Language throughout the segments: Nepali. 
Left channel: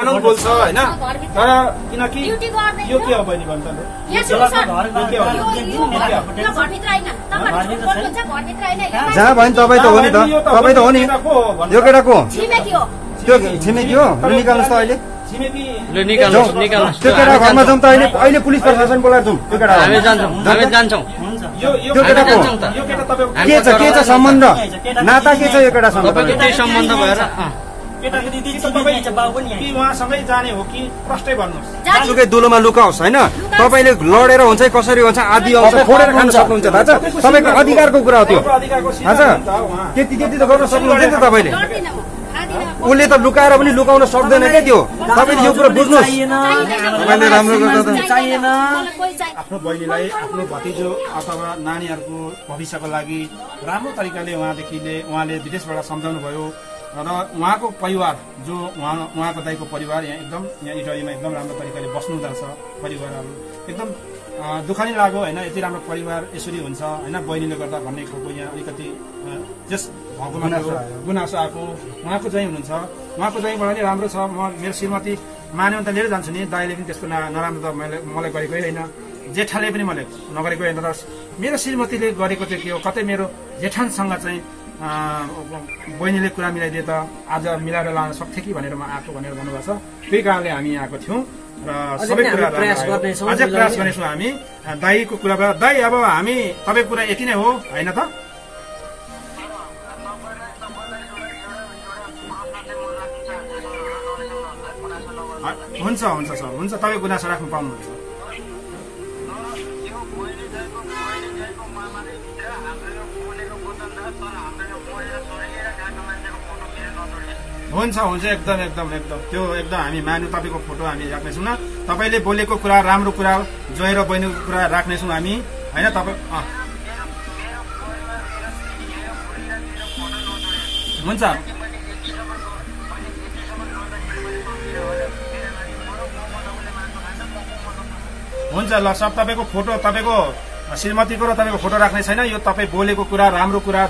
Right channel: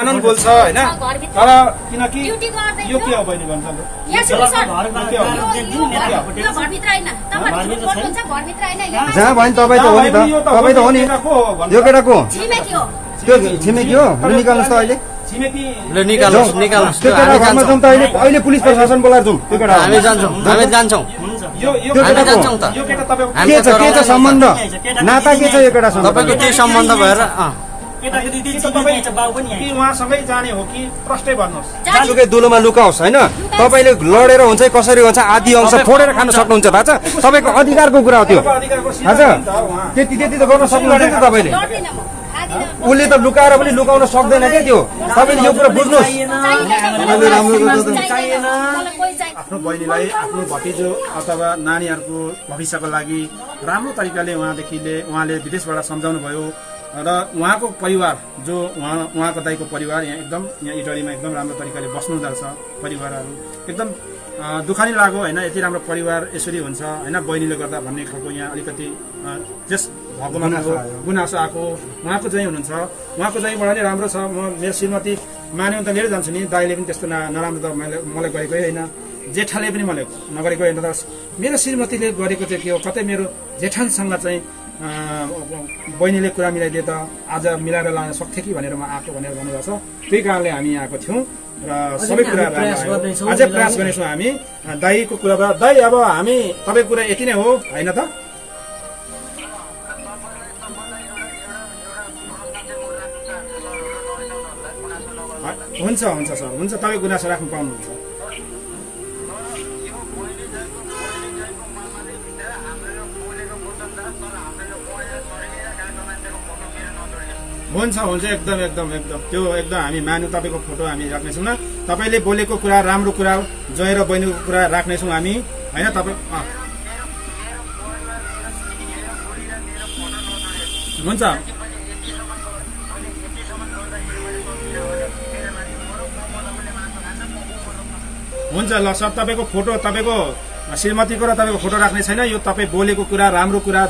कानून बोल्छ हैन तर किनकि यो के हो बहिनी भन्नु त जहाँ भयो तपाईँ त हो नि त तपाईँ त हो नि यो केटा को त्यो छिमेकी हो निकाल्नुहोस् त अहिले ल निकाल्नुहोस् त्यो केटा घरमा जाउँ त अहिले पुलिस प्रशासन बोलाएर जाउँ त्यो केटा हामी जान्छौँ के छ सम्बन्ध नाता के छ यो केटासँग तपाईको के सम्बन्ध भएर उहाँसँगै जाने हो कि प्रष्टै भन्नुहोस् जुकै दुलोमा लुकाओस् होइन तपाईँले लडेर हुन्छ कसरी हुन्छ आदि अंश फोडेर खान सक्नुहुन्छ थाहा छ तपाईँको अधिकारको कुरा त्यो थाहा छ त्यति त गर्न सक्नुहुन्छ नि त तपाईँले उसले त लुकाएर पनि लुकाउन सक्दैन क्या त्यो तपाईँले यो कुरा बुझ्नुहोस् मैले राम्रो आफ्नो बहिनीलाई आफ्नो भतिजो अथवा नानीहरूको भविष्यको लागि राम्रो तरिकाले उहाँले विदेशबाट सम्झाउनु भयो र उहाँको परिवार जो उहाँको दाइको परिवार यहाँ इटलीमा एकदम राम्रो तरिकाले बस्नु हुँदछ परिवारहरू एकदम दुःख नै लाग्यो होइन यति राम्रो परिवार यसरी हुन्छ होइन बहिनीले गर्दा भन्ने खालको यहाँ अलिकति त्यस भगवानको गुनासो आएको उहाँको चाहिँ हुनुहुन्छ उहाँको चाहिँबाट नै राम्रो छ म मेरो श्रीमती मान्यो भने त लिएर जान्छु नि दाइले पनि त्यस्तो नराम्रो त मलाई गरेकै होइन जेठाले पनि मलाई नगरेको होइन तर मेरो श्रीमतीले गरेको चाहिँ के हो कतै मेरो जेठानसँग चाहिँ बहिनीले कुरा मिलाइदिए त आज मिलाएर लान सक्थे कि भनेर म आएको भनेर भन्नुभएको छ त्यही कारणले हामी आएको थियौँ र सबै कुरा अझै प्रयास गर्नेछौँ हामी दाइको कुराबाट दाइ अब हामी तपाईँको कुरा यति नै हो होइन त हुन्छ सर हुन्छ तपाईँ गुनासो राख्नु पाउनुहुन्छ हुन्छ एकदम त्यो एकदम हामी मान्यौँ तपाईँको फोटो हामी राख्नेछौँ न तपाईँले बोलेको कुरा राम्रो कुरा जोएर बहिनीको कुरा राख्नेछौँ हामी होइन तपाईँ हुन्छ ल सब तपाईँको फोटो तपाईँको श्रीमतीको र तपाईँको फोटो राख्ने छैन यो तपाईँ बोलेको कुरा राम्रो कुरा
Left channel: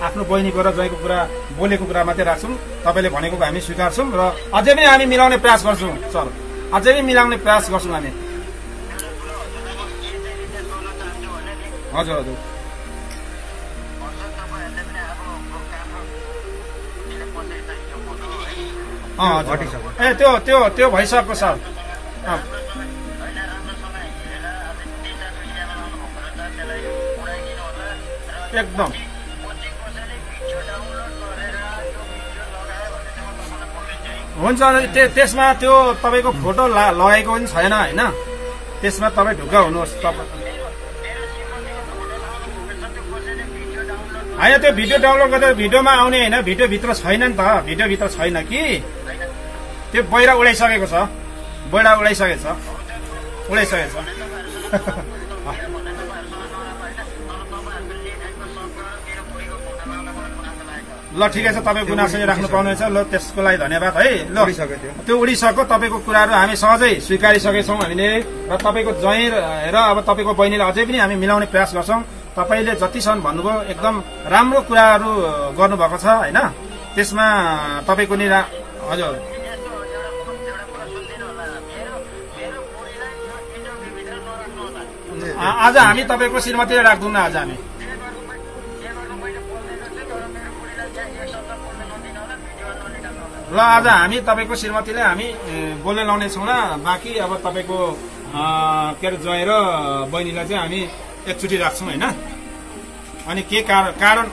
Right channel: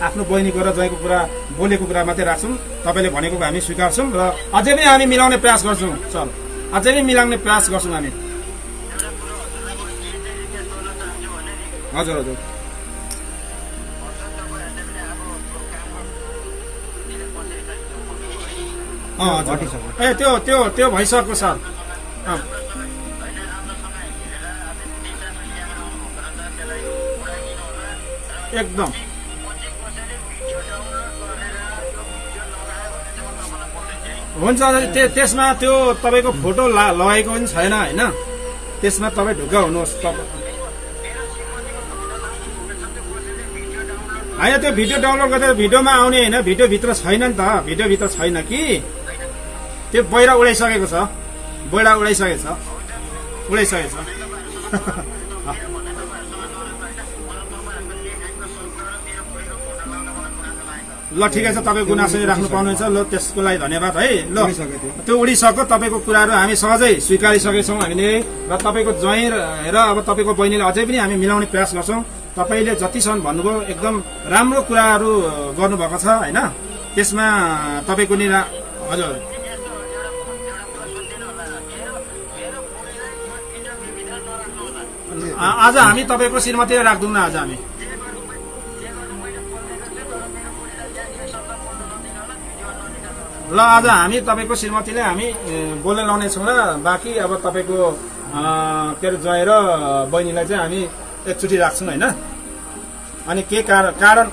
आफ्नो बहिनीको र जयको कुरा बोलेको कुरा मात्रै राख्छौँ तपाईँले भनेको हामी स्वीकार्छौँ र अझै पनि हामी मिलाउने प्रयास गर्छौँ सर अझै पनि मिलाउने प्रयास गर्छौँ हामी हजुर ए त्यो भइसक्यो सर एकदम हुन्छ त्यसमा त्यो तपाईँको फोटो लगाएको पनि छैन होइन त्यसमा तपाईँ ढुक्क हुनुहोस् होइन त्यो भिडियो डाउनलोड गर्दा भिडियोमा आउने होइन भिडियोभित्र छैन नि त भिडियोभित्र छैन कि त्यो बहिरा उडाइसकेको छ ल ठिकै छ तपाईँ गुनासो राख्नु पाउनुहुन्छ ल त्यसको लागि धन्यवाद है ल त्यो उडिसक्यो तपाईँको कुराहरू हामी सहजै स्वीकारिसकेछौँ हामीले र तपाईँको जय र अब तपाईँको बहिनीले अझै पनि हामी मिलाउने प्रयास गर्छौँ तपाईँले जतिसम्म भन्नुभयो एकदम राम्रो कुराहरू गर्नुभएको छ होइन त्यसमा तपाईँको नि हजुर आज हामी तपाईँको श्रीमतीलाई राख्दैनौँ न आज हामी ल आज हामी तपाईँको श्रीमतीले हामी बोल्न लाउनेछौँ र बाँकी अब तपाईँको के अरे जय र बहिनीलाई चाहिँ हामी एकचोटि राख्छौँ होइन अनि के कारण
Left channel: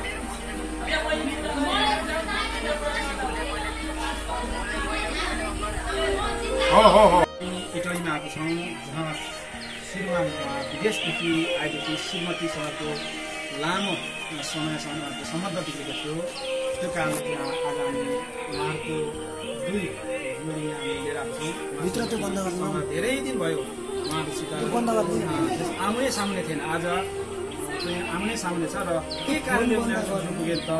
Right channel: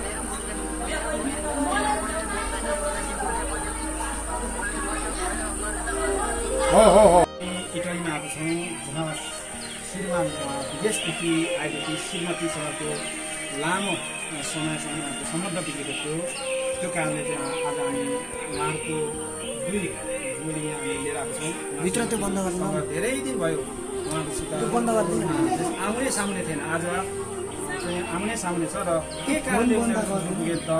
हो इटलीमा आएको छौँ जहाँ श्रीमान विदेशदेखि आएदेखि श्रीमतीसँगको लामो समयसम्म सम्बन्ध बिग्रेको थियो त्यो कारणले चाहिँ आज हामी उहाँहरूको दुई जोडी हामी लिएर आएको छौँ भित्र त्यो बन्द गर्नु धेरै दिन भयो उहाँहरूसित आउने सामने थिएन आज चाहिँ आउने सामने छ र के कारणले उनीहरू त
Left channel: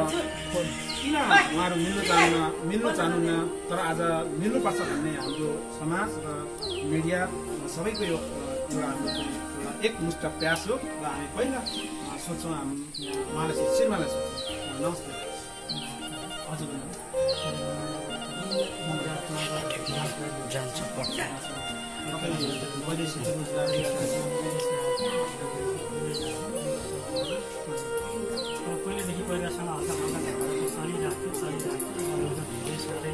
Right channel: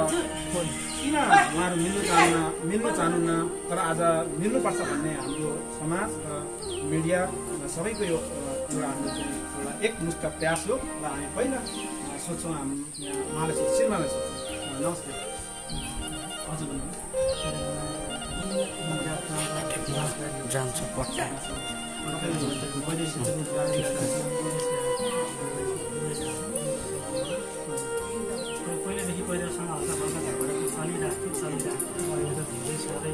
किन उहाँहरू मिल्नु चाहनुहुन्न तर आज मिल्नुपर्छ भन्ने हाम्रो समाज र मिडिया सबैको यो एउटा हाम्रो एउटा एकमुष्ट प्रयास हो र हामी पहिला सोच्छौँ उहाँलाई श्रीमानलाई सोच्छौँ नमस्ते हजुर जान्छ पट्टा पहिलेदेखि पहिलासँग हल्का हल्का घरबाट चलिरहेको धेरै साह्रै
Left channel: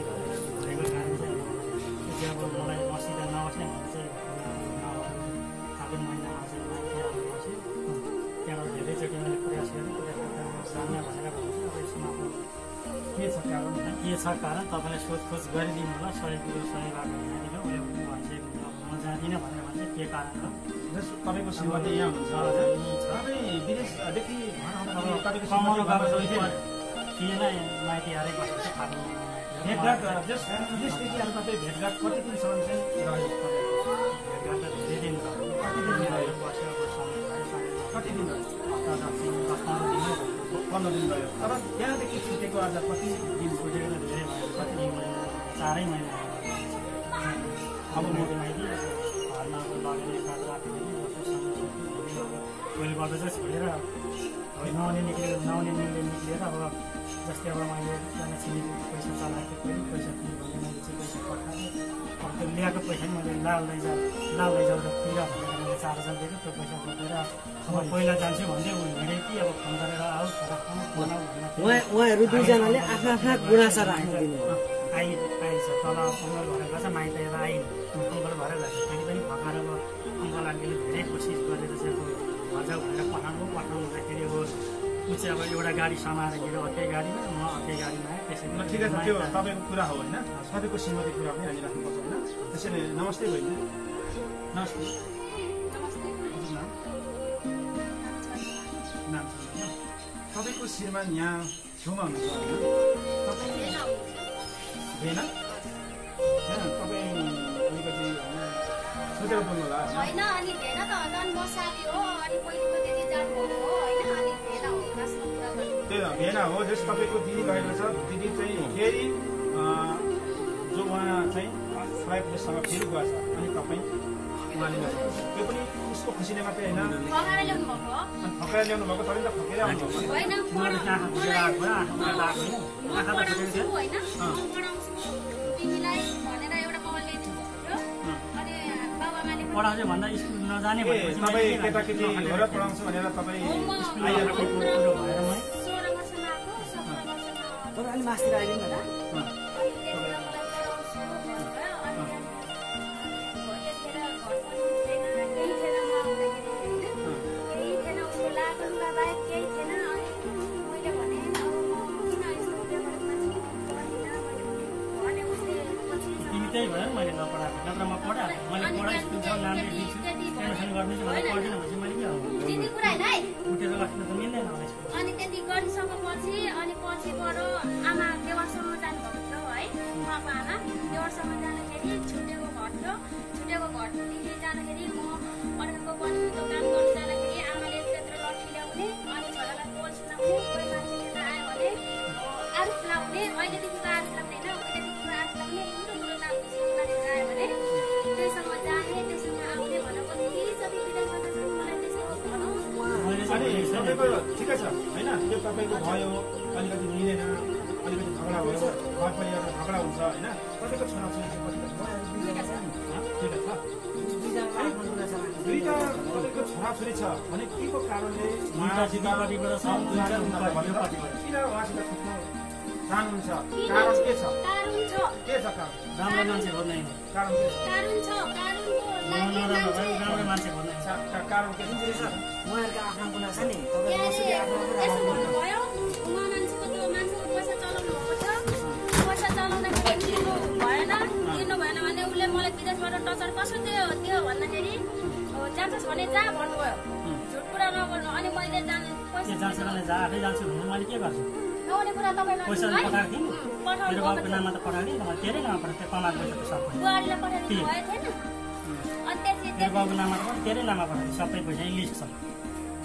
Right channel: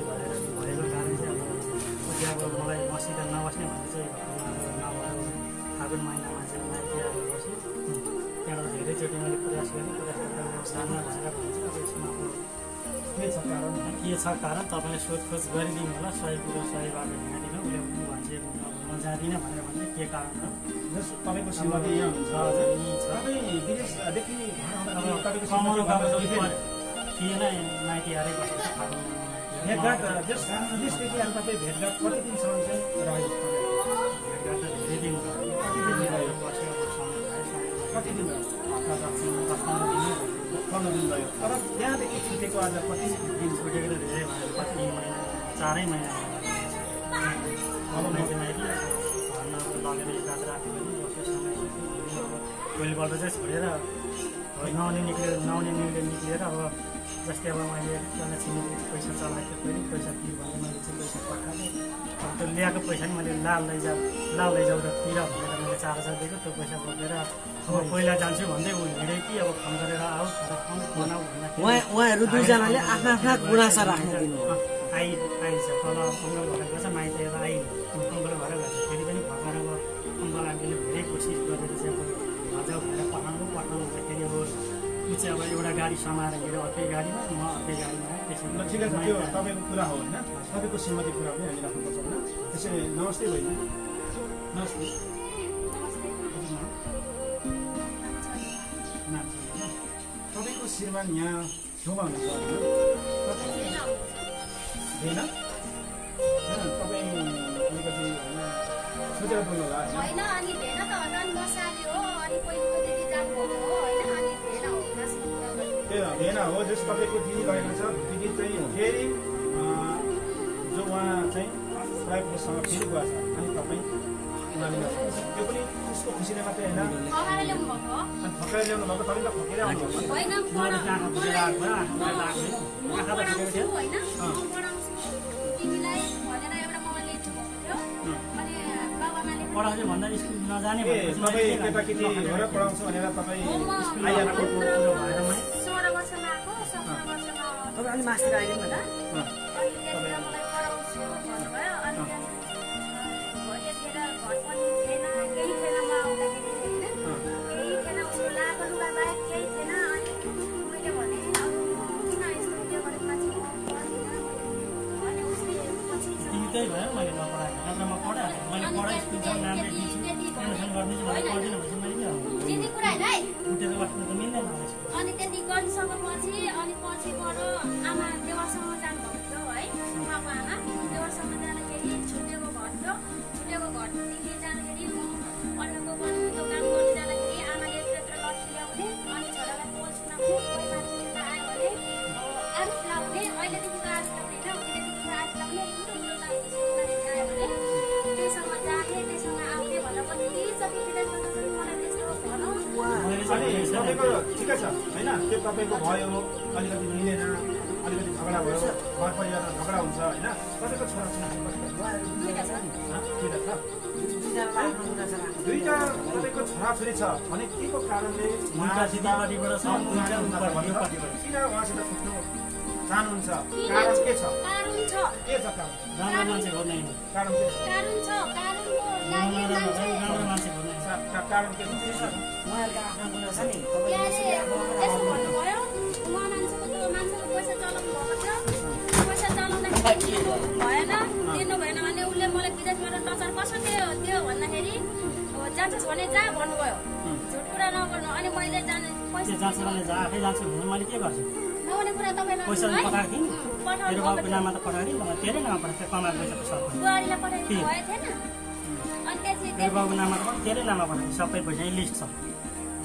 भएको कारण चाहिँ अब मलाई मसित नबस्ने भने चाहिँ फागुन महिनामा चाहिँ माथि आएर बसेँ त्यहाँबाट धेरैचोटि मैले प्रयास गरेँ सामना भनेर भन्छ अब यसमा अब के छ कारण तपाईँले सोधखोज गरिदिनु होला सही कुरो सही बाटो हिँडिदिनु उसले भन्छ अब म जाँदिनँ भनेर भन्छ के कारण हो तपाईँको श्रीमती यहाँ हुन्छ विदेशदेखि कमाउनु गएको थिएन माइती हारै बसेको फागुन भेटघाट विदेशदेखि तपाईँ भेटघाट कति दिनसम्म चाहिँ रह्यो भेटघाट त धेरै दिन रह्यो कति दिन रह्यो बस्यो अब समय भयो कति दिन रह्यो 10-15 दिन 15 दिन रह्यो तर त्यहाँदेखि छुटेको आज कति दिन छुटेको त धेरै भयो कति दिन महिना 4 महिना अब माइती माइती घरमा अब लगेर एकरात राख्यो भने बस्यो समय अब भोलिपल्ट चाहिँ छोडेर नआउने निक्लिएर अब जस्तै अब मैले एकजना छिमेकी पैसा चलाएको थिएँ पहिला पैसा दिएँ भने मैले चाहिँ पैसा पठाएँ अब त्यो ल्याएको पैसा नि मैले लाल लैजाऊ र तिर भनेर मैले 4000 दिएको त्यो पैसा बोकेर अब पहिला जान्छु भन्दै ऊ हिँडे कि अब फोन गरेर आऊ बनाऊ भन्दा उहाँहरू दुईजनाले आफ्ना आफ्ना गुनासा राख्नु आइन्छ तल अङ्गल भएर गएछ माइत एउटा आइन अङ्गल भएर गएछ फेरि पनि भर्खर अब अङ्गल आन्टीले धेरै कोसिस गरेर चाहिँ अब भजाउ भनेर पठाउनु हुँदाखेरि अब ऊ चाहिँ अब एउटा गाडी समाएर हिँडेर अर्कै गाडीमा म अर्कै गाडीमा आएँ त्यसरी ठिक छ त्यो तपाईँको कुरा हो होइन तपाईँको श्रीमती कुरा पनि हामी राख्नुपर्छ होइन त्यसैले नमस्ते बहिनी नमस्ते नाम तपाईँको श्रीमान यहाँ छेउमा हुनुहुन्छ होइन तपाईँ अलिकति सोचेर बोल्नु होला होइन अनि भेन त झन् म साली हो अनि पहिलेको दिदी जानुभएको हो होइन अनि भेन हो खासमा कुरा गर्नु त्यो भेन हो जस तपाईँको दिदी लगेको छ दिदी चाहिँ फेरि जो उहाँ चाहिँ प्राइभेटसँग फेरि गएको छ अनि तपाईँ उहाँले त्यो पनि उसको खुसीले मात्रै होइन फकाएर ल्याउनु भएको हो अनि फकाएर ल्याउनु भएको तपाईँ त फकेर आउनु होइन म पढाउँछु होइन म पढाउँछु तिमीलाई भनेर एउटा मोबाइल लिन्छु भन्यो अनि बाबामाले पढाउँछु भन्दा स्कुल नजाने तपाईँ केटाकेटी घर पढाउँछु भनेर तपाईँ आइहाल्नु कुरो भएर मै 16 वर्षमा आएको 17 वर्षमा तपाईँ अलि मास्टर आइदिनु होला अनि त्यहाँबाट मलाई पढाउँछु भन्नुभयो अनि त्यहाँदेखि घर पनि थिएन केही थिएन म आउँदाखेरि होइन केही थिएन उसको लाएको लुगा बाहेक केही थिएन अनि मैले भने किन यस्तो उयो गरेको भने उसले पछि तिमी त्यही भयो मैले नपढाएको नत्र म पढाएको मैले पढाइ स्कुलमा नाम लेखिदिन्छु एडमिसन गरिदिन्छु भनेर पढ्दिनँ भने मैले के गर्नु चिन्ने कुरा होइन है उठेर बस्नु त मिल्दैन होला अनि त्यति गरिसकेपछि अनि पछिबाट आमा देवरसँग जानुभएको थियो है उहाँको आमा देवरसँग जाँदाखेरि छुट्टेको घरदेखि जाँदाखेरि म अर्काको बनिएको काम गर्नु जाँदाखेरि आमाले त्यत्र लट्ठी ल्याउने अनि छोरालाई पोल सुनाउने पैसा लिएर आयो भने आरुख लाउने अहिलेदेखिको आरुख लाउने होइन उहिलेदेखिको आरुख लाउने ठुलो गरेर आयो भने त्यहीसँग जाने त्यहीसँग आउने भनेर पनि जति विदेश गर्दैछ मलाई त्यस्तो भनौँ अनि तपाईँको ठिकै छ होइन त्यो तपाईँको भयो अलिकति मिलेन अलिकति झगडा भयो घर परिवारमा झगडा हुन्छ होइन तपाईँको छोराछोरी दुईटा छ दुईटा तपाईँको छोराछोरी छ भने के को कारणले दिदीपट्टिबाट किन उहाँसित छुट्नु चाहनुहुन्छ कारण के छ कारण छ के छ कारण राम्रो मान्छे भन्ने कारण के कारण छ कारणको लागि राम्रो मान्छे भन्ने कारण के छ उहाँहरूको आफ्नो गुना छ नि यसो भन्नुभयो उहाँ मान्छेको पैसा चलाउनु भएको छ पैसा चलाउँदाखेरि दिनु भएन भने उसले मलाई विदेशबाट टचर कसो दियो भन्दाखेरि जान्छस् भने जा भन्नुभयो झुट कुरा नगर्नु अनि मैले पैसा जान्छ भने जा आफै जान्छु भने मैले के गर्छु नहुने कुरा तपाईँलाई पैसा पठाएको थिएँ नि तेरो बाबुको नाममा त पठाएको थिएँ मलाई तेरै नाममा पठाएको थियो कमाएको पैसा सब बुहारीलाई पठाइदिनु भएको थिएन अनि त्यसले तेरो बाबुको नाममा त पनि तेरै नाममा पठाएको सबै पैसा लिस्ट छ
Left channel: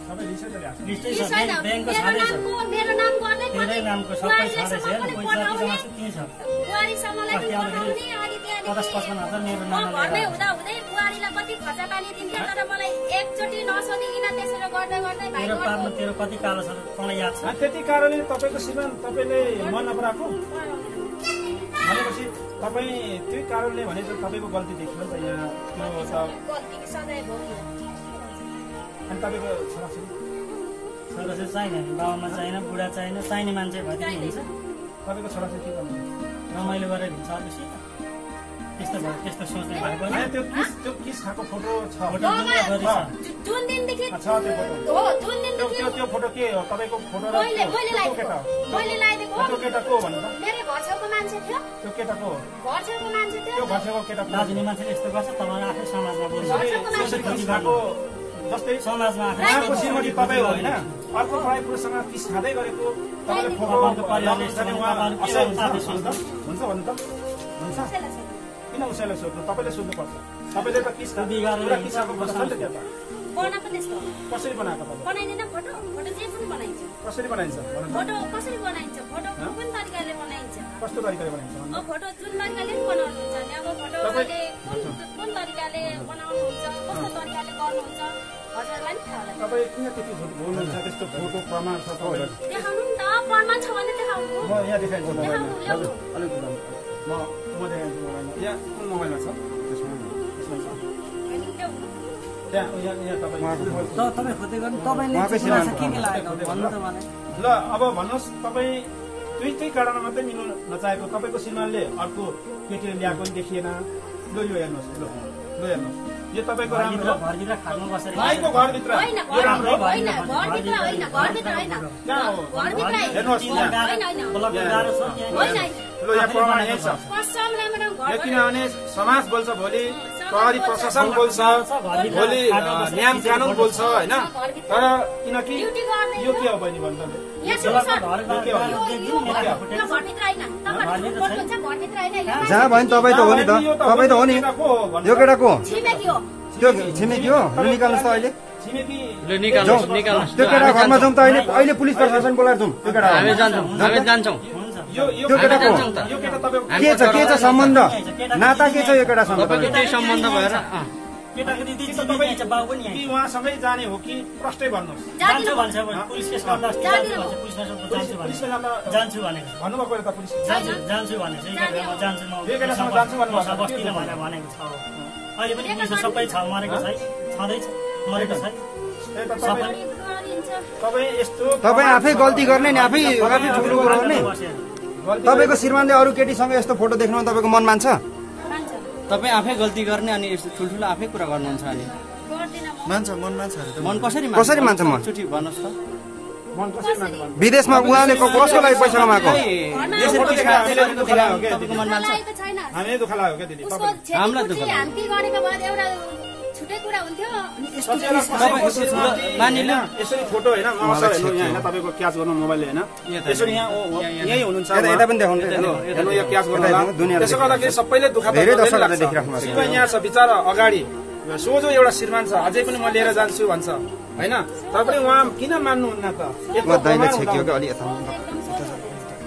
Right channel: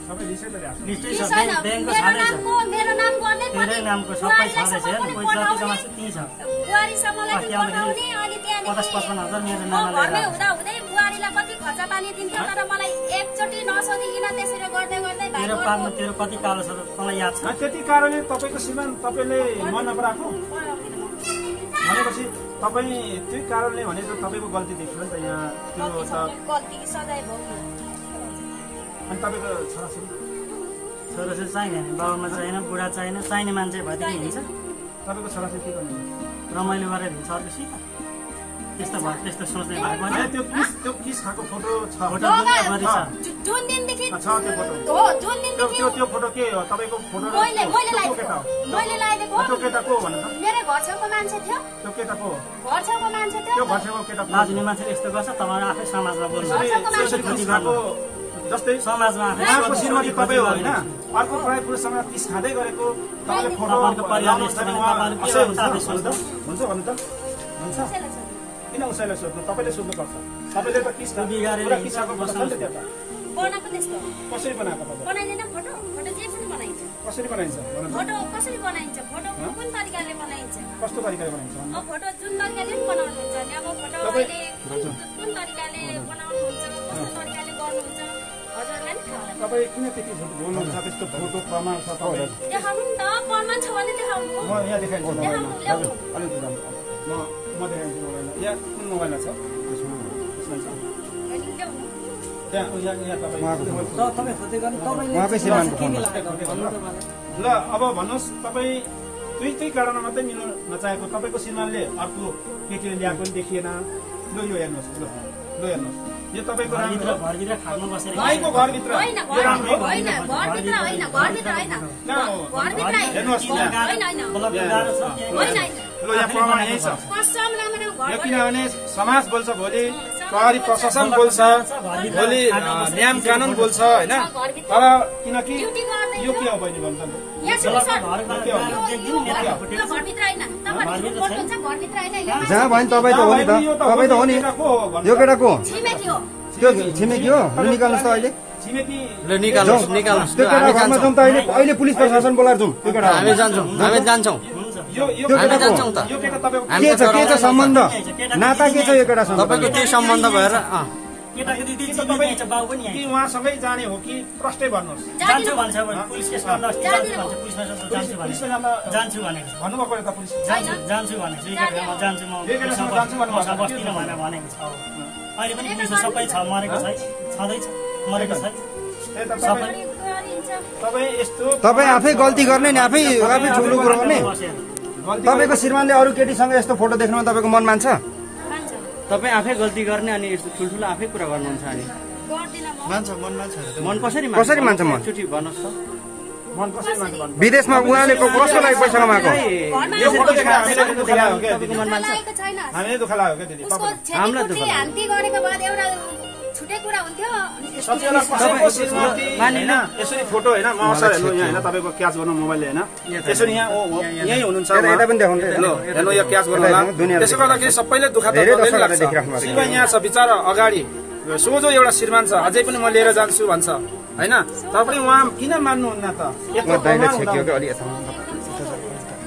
सबै लिस्टै गरिहाल्छ लिस्टै छ ब्याङ्कको छँदैछ मेरो नाम गर्दै तेरै नामको सबै छँदैछ हेर्नु पैसा जति जम्मा छ त्यही छ बुहारीसम्मलाई पठाउने अनि त्यहाँदेखि 50-55 हजार मेरो म नाममा घरमै हुँदा हुँदै बुहारीलाई कति खर्च पानी दिन्थ्यो तर मलाई एकचोटि नसोधिकन त्यसरी गर्दै गर्दै भाइ तेरो पार्नु तेरो कति कालो छ तँलाई याद छ त्यति कारणले तपाईँको श्रीमान तपाईँले मन नपराएको भनेपछि तपाईँ त्यही कारणले भने त तपाईँको गल्ती देखियो नि त यहाँ त्यो त गल्ती सधैँ भोग्यो अनि तपाईँको छोराछोरी छोराछोरी चाहिने बाबामा चाहिएन बुढा चाहिएन चाहिने मान्छे भएदेखि हिँड्छ तपाईँको छोराछोरी के गर्नु रमाइलो गरेर हिँड्छ अर्को त्यस्तो भयो त्यस्तो सोच्ने भएको होइन त्यो किस खाएको फोटो छ फोटो दुनियाँभरि छ जुन दिनदेखि छ त्यो फोटो हो जुन दिनदेखि त्यो फोटो के हो तपाईँको फोटो मैले केटा हो मैले लागेको त्यो केटा को भन्नु त मेरो घर छेउको मान्छे थियो त्यो केटा को हो घर छेउको मान्छे थियो त्यो घर छेउको केटा लाजुने मान्छेले यस्तो गर्छ तपाईँ आफै समाजमा बोल्नु त्यसरी किस खाएको जस्तै समाजमा आफै उहाँको श्रीमती तपाईँ हो होइन अर्को पढाइ पुरुषसँग किस खाँदै गरेको तपाईँले फोटो हुन्छ भन्नु त हुन्छ किन उसैलाई सोध्नु तपाईँले सोध्नुपर्छ तपाईँले त किस किसाको फोटो छ नि त बनाएको त्यस्तो कसरी बनाएको तपाईँले बनाइदैन फोटो फोटो जे पनि बनाइन्छ कसरी बनाइन्छ फोटो कसरी बनाइन्छ फोटो कुन तरिकाले बनाइन्छ कस्तो तरिकाले बनाइन्छ अब फोटो जुन तरिकाले बनाउनुहुन्छ नि अब फोटो अहिले कुन तरिकाले बनाउनुहुन्छ कस्तो तरिकाले गर्नुहुन्छ हजुरलाई नि थाहा होला तपाईँ किन त्यति बोल्नुहुन्छ त्यस्तो फोटो प्रमाण छ तपाईँ देखाउनु नि त प्रमाण छ भने देखाउनु म यहाँ देखाइदिन्छु देखाउनु ल्याउनु अलिक म देखाइदिन्छु मोबाइलमा यहाँ कुन मोबाइलमा छ त्यसमा छ अनि ल्याउनु यहाँ तपाईँ उहाँकै श्रीमती ल अब भन्नुहोस् तपाईँ त्यही कारणमा मात्रै मिल्नु नचाहेको तपाईँको श्रीमानले अर्को केटी ल्याएको पनि देखिएन ल यो हेर्नुहोस् ल हेर्नुहोस् यो तपाईँको राम्रो घरभित्र खानु बसेर भाइको घरभित्र होइन यो राम्रो होइन घरभित्र होइन घरभित्र होइन घरभित्र हेर्नुहोस् होइन होइन ल यहाँ प्रमाण यही छ कसम राम्रो घर किनभने समाज बोल्छ भोलि प्रहरी प्रशासन बोल्छ भोलि नियम कानुन बोल्छ होइन तर किनकि यो के हो बहिनी भन्नु जहाँ भयो नि तपाईँ त हो नि त तपाईँ त हो नि यो केटा को हो त्यो छिमेकी हो निकाल्नुहोस् त अहिले त्यो केटा घरमा जाउँ त अहिले पुलिस प्रशासन बोलाएर जाउँ त्यो केटा हामी जान्छौँ यो केटा तपाईँको के छ सम्बन्ध नाता के छ यो केटासँग तपाईँको त्यही सम्बन्ध भएर कि उहाँसँगै जाने हो कि प्रष्टै भन्नुहोस् जान्छु भन्छ पुलिस केस गर्दा जान्छु भनेको भन्नुभएको त पुलिस जान्छु भनेको जान्छु म बस्दिनँ भनेर भनेको छ अहिले पनि पुलिस सबै छ मरेको छैन छँदैछ मरेको छैन सबै तपाईँ यस्तो तपाईँ आफै गल्ती गर्ने नि आफै ठुलो कुरो गर्ने तपाईँको श्रीमानले अरू केटीसँग यस्तो फोटो देख्नुमा तपाईँको मन मान्छ तपाईँ आफै गल्ती गर्ने अनि यस्तो ठुल्ठुलो आफै कुरा गर्नुहुन्छ अनि मन कसरी मान्छ मन चुटी भन्नुहोस् त मन कसरी मान्छ भन्नु विदेशमा उहाँले कसको लागि पैसा कमाएको तपाईँको मन मान्छ हामीले दुःख लाग्यो क्या दिदी हामीलाई दुःख लाग्यो। हान्ती गरेको बाद एउटा छुट्टै कुरा हुन्थ्यो होइन यसरी फोटो होइन म असर हेर्नु यहाँ होइन तपाईँको क्याच गर्नु मोबाइलले होइन यसरी यहाँ यहीँ हुनुहुन्छ यता पनि देखाउनु हेर्नु यो क्याच गर्नु त्यसो गर्दाखेरि सबैले दुःख धेरै दर्शकहरूले देखिराख्नु भएको छ। यहाँ छ बिचरा अगाडि सोझो एउटा श्रीमान छ अझै पनि म लिएर जान्छु भन्छ होइन तपाईँ उहाँ किन मान्नुहुन्न त दाइले छेकियो कि अलि यता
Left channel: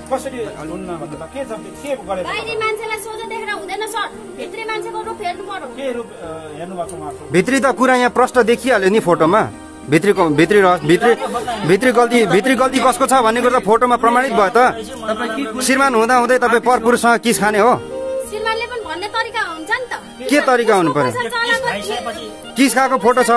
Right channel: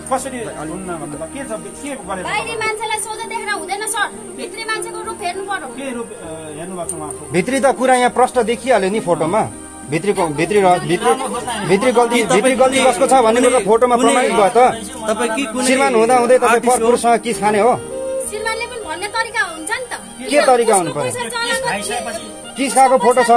कसरी हुन्न भन्नु त के छ के गरेको बाहिरी मान्छेलाई सोझो देखेर हुँदैन सर भित्री मान्छेको रूप हेर्नु पर्यो के रूप हेर्नु भएको छ उहाँको भित्री त कुरा यहाँ प्रष्ट देखिहाल्यो नि फोटोमा भित्री गल्ती कसको छ भन्ने कुरा फोटोमा प्रमाणित भयो त तपाईँ श्रीमान हुँदा हुँदै तपाईँ परपुरुषसँग किस खाने हो श्रीमानले पनि भन्ने तरिका हुन्छ नि त के तरिका हुनु पर्यो किस खाएको फोटो छ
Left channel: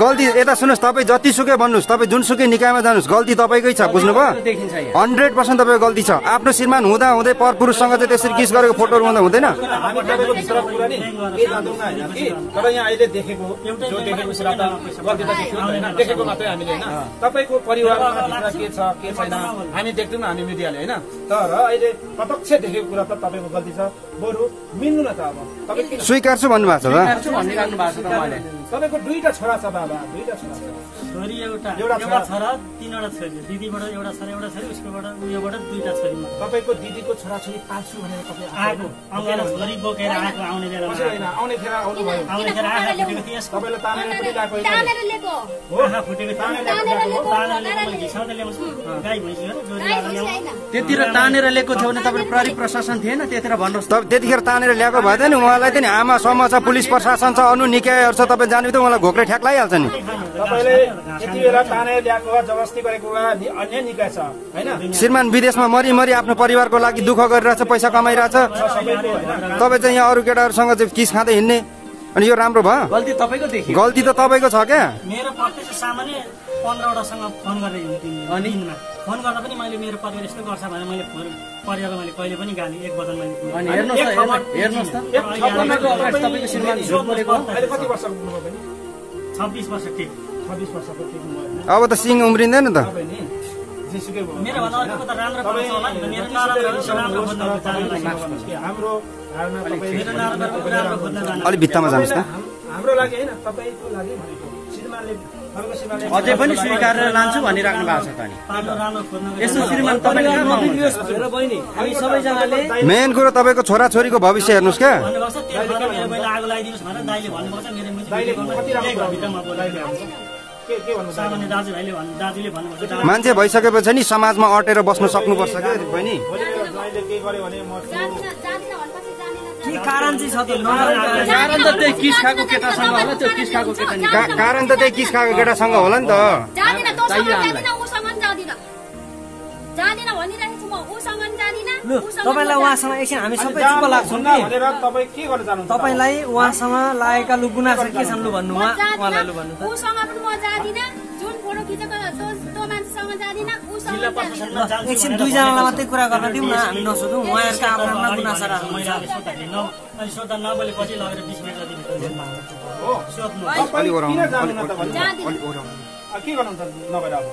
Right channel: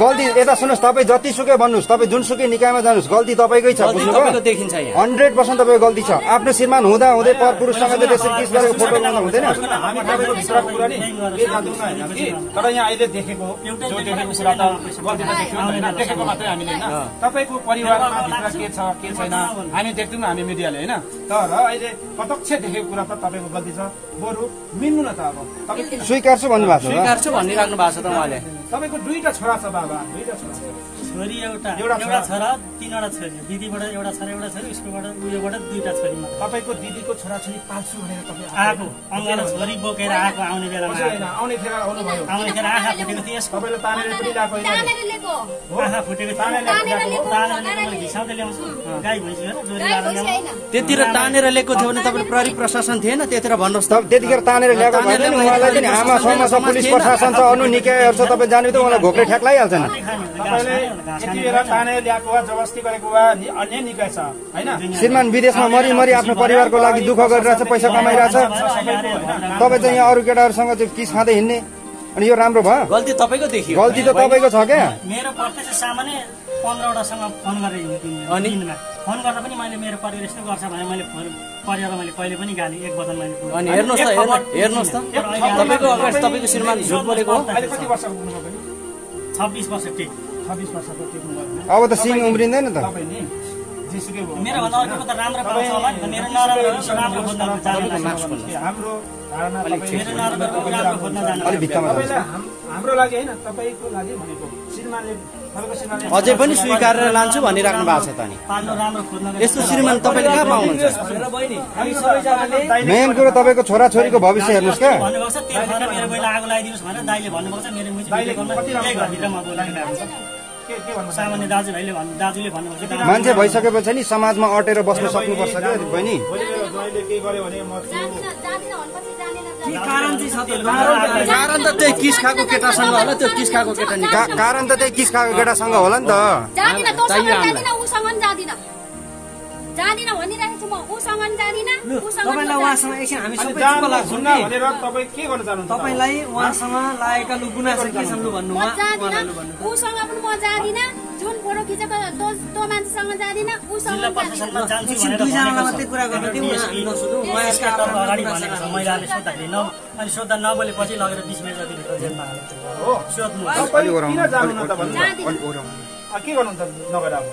गल्ती यता सुन्नुहोस् तपाईँ जतिसुकै भन्नुहोस् तपाईँ जुनसुकै निकायमा जानुहोस् गल्ती तपाईँकै छ बुझ्नुभयो देखिन्छ यहाँ 100% तपाईँको गल्ती छ आफ्नो श्रीमान हुँदा हुँदै परपुरुषसँग चाहिँ त्यसरी किस गरेको फोटोहरू हुँदा हुँदैन हामी तपाईँको भित्रको कुरा नि के जान्दैनौँ होइन कि तर यहाँ अहिले देखेको जो देखेको कुरा त गल्ती त देख्यौँ होइन देखेको मात्रै हामीले होइन तपाईँको परिवारमा भित्र के छ के छैन हामी देख्दैनौँ हामी मिडियाले होइन तर अहिले प्रत्यक्ष देखेको कुरा त तपाईँको गल्ती छ बरु मिल्नु न त अब तपाईँ किन स्वीकार्छु भन्नुभएको छ स्वीकार्छु भनिराख्नु भएको छ त उहाँले तपाईँको दुईटा छोरा छ बाबा दुईटा छोरा छोरी एउटा छोरा 3वटा छोरी दिदीबाट एउटा छोरा एउटा छोरी उसकोबाट उयोबाट 2टा छोरी तपाईँको दिदीको छोराछोरी पाल्छु भनेर तपाईँ आएको अङ्गालो छोरी बोकेर आएको आउने बेलामा आउने खेर आउनुभयो आउनेखेर आँखा फुटेको थियो यसको तपाईँले तानेर पनि ल्याएको होइन तानेर ल्याएको आँखा फुटेको तानेर ल्याएको घिसाउँदै ल्याउँछु गाई भैँसी गाई भैँसी होइन त्यतिर तानेर ल्याएको थियो भने तपाईँले प्रहरी प्रशासन थिएन त्यतिर भन्नुहोस् त त्यतिखेर तानेर ल्याएको भए नि उहाँलाई चाहिँ आमा समाज छ पुलिस प्रशासन छ अनु निकायहरू छ तपाईँ जाने त उहाँलाई घोक्रे ठ्याक लगाइहाल्छ खाइहाल्छ नि तपाईँले यति बेला तानेर ल्याएको वा जबरजस्ती गरेको वा अन्य निकाय छ होइन श्रीमान विदेशमा मरि आफ्नो परिवारको लागि दुःख गरिरहेछ पैसा कमाइरहेछ तपाईँ चाहिँ यहाँ अरू केटाहरूसँग चाहिँ किस खाँदै हिँड्ने अनि यो राम्रो भयो गल्ती तपाईँको देखियो गल्ती त तपाईँको छ क्या मेरो प्रत्यक्ष सामान्य 15वटासँग फोन गरेर अनि फोन गर्दा पनि मैले मेरो परिवार यस्तो गर्छ भने मैले परिवारलाई मैले कहिले पनि गाली एक बदल मैले अनि हेर्नुहोस् त तपाईँको अगाडि तपाईँको श्रीमान झुट बोलेको हो अहिले कति वर्ष पुग्नुभयो पनि 26 वर्ष टेक 26 वर्षको टेक्नु अब त सिङ उम्रिँदैन त तपाईँ नि जेसुकै भयो मेरो भन्दा अर्को त राम्रो पाउँछ होला नि त मेरो नराम्रो खोज्न हाम्रो धारणा मेरो नराम्रो खोज्न जानु अलिक भित्तामा जानुहोस् त हाम्रो लागि होइन तपाईँको लागि भनेको श्रीमानले तपाईँको श्रीमानले अझै पनि स्वीकारेर लान्छु भनिराख्नु भएको छ त नि पालो राम्रो खोज्न यस्तो श्रीमान तपाईँले कहाँ पाउनुहुन्छ मेन कुरो तपाईँको छोराछोरीको भविष्य हेर्नुहोस् क्या भन्नुभएको छ तेल खर्च मेरो पहिला आगो लगाइदिनुहोस् भनेर दाइले भन्नुभएको छ मेरो दाइले कति राम्रो घरभित्रमा बोलाइरहेको के भन्नु सामान्य दाजुले भन्नुभएको छ मान्छे भइसकेपछि नि समाजमा अटेर बस्न सक्नुपर्छ क्या बहिनी भोलि मेरो ज्वाइँले केही गर्यो भने म जाँदिन भनेपछि जानेन कारण चाहिँ छ त्यो कारण त त्यो किस खाएको केटासँग होला त्यो किस खाएको केटा नि कारण त त्यही किस खाएको केटासँग होला नि त जाँदिन तँसँग जाँदिन उसँग पनि जाँदिन जाँदिन भनिरहेको छु म उसँग पनि जाँदिन उसँग पनि तपाईँलाई उहाँसँग एकछिन हामी सबै जानु चुप लाग्छौँ हुन्न भनेर तपाईँ के गर्न चाहनुहुन्छ तपाईँलाई उहाँसँग लागेका लु गुनासो के छन् लु भन्नु म जाँदिन उसँग पनि म जाँदिन जुन फोटो खिचेको त्यो मान्छेसँग जाँदिन उसँग पनि जाँदिन एकछिन दुईजना मात्रै कुरा गर्न दिउँ न हामी नसोधौँ उहाँहरूका आफ्नो अगाडि गुनासो भनेको छ महिलाले सोद्धाखेरि अनि सोद्धा नबोलेपछि लगेर 20 मिनट जति भित्र जेलमा हाल्छ हो सोध्नु तपाईँ किन जानु न त भन्नु अलिक ओह्राउनु के गर्नुहुन्छ नभएर अब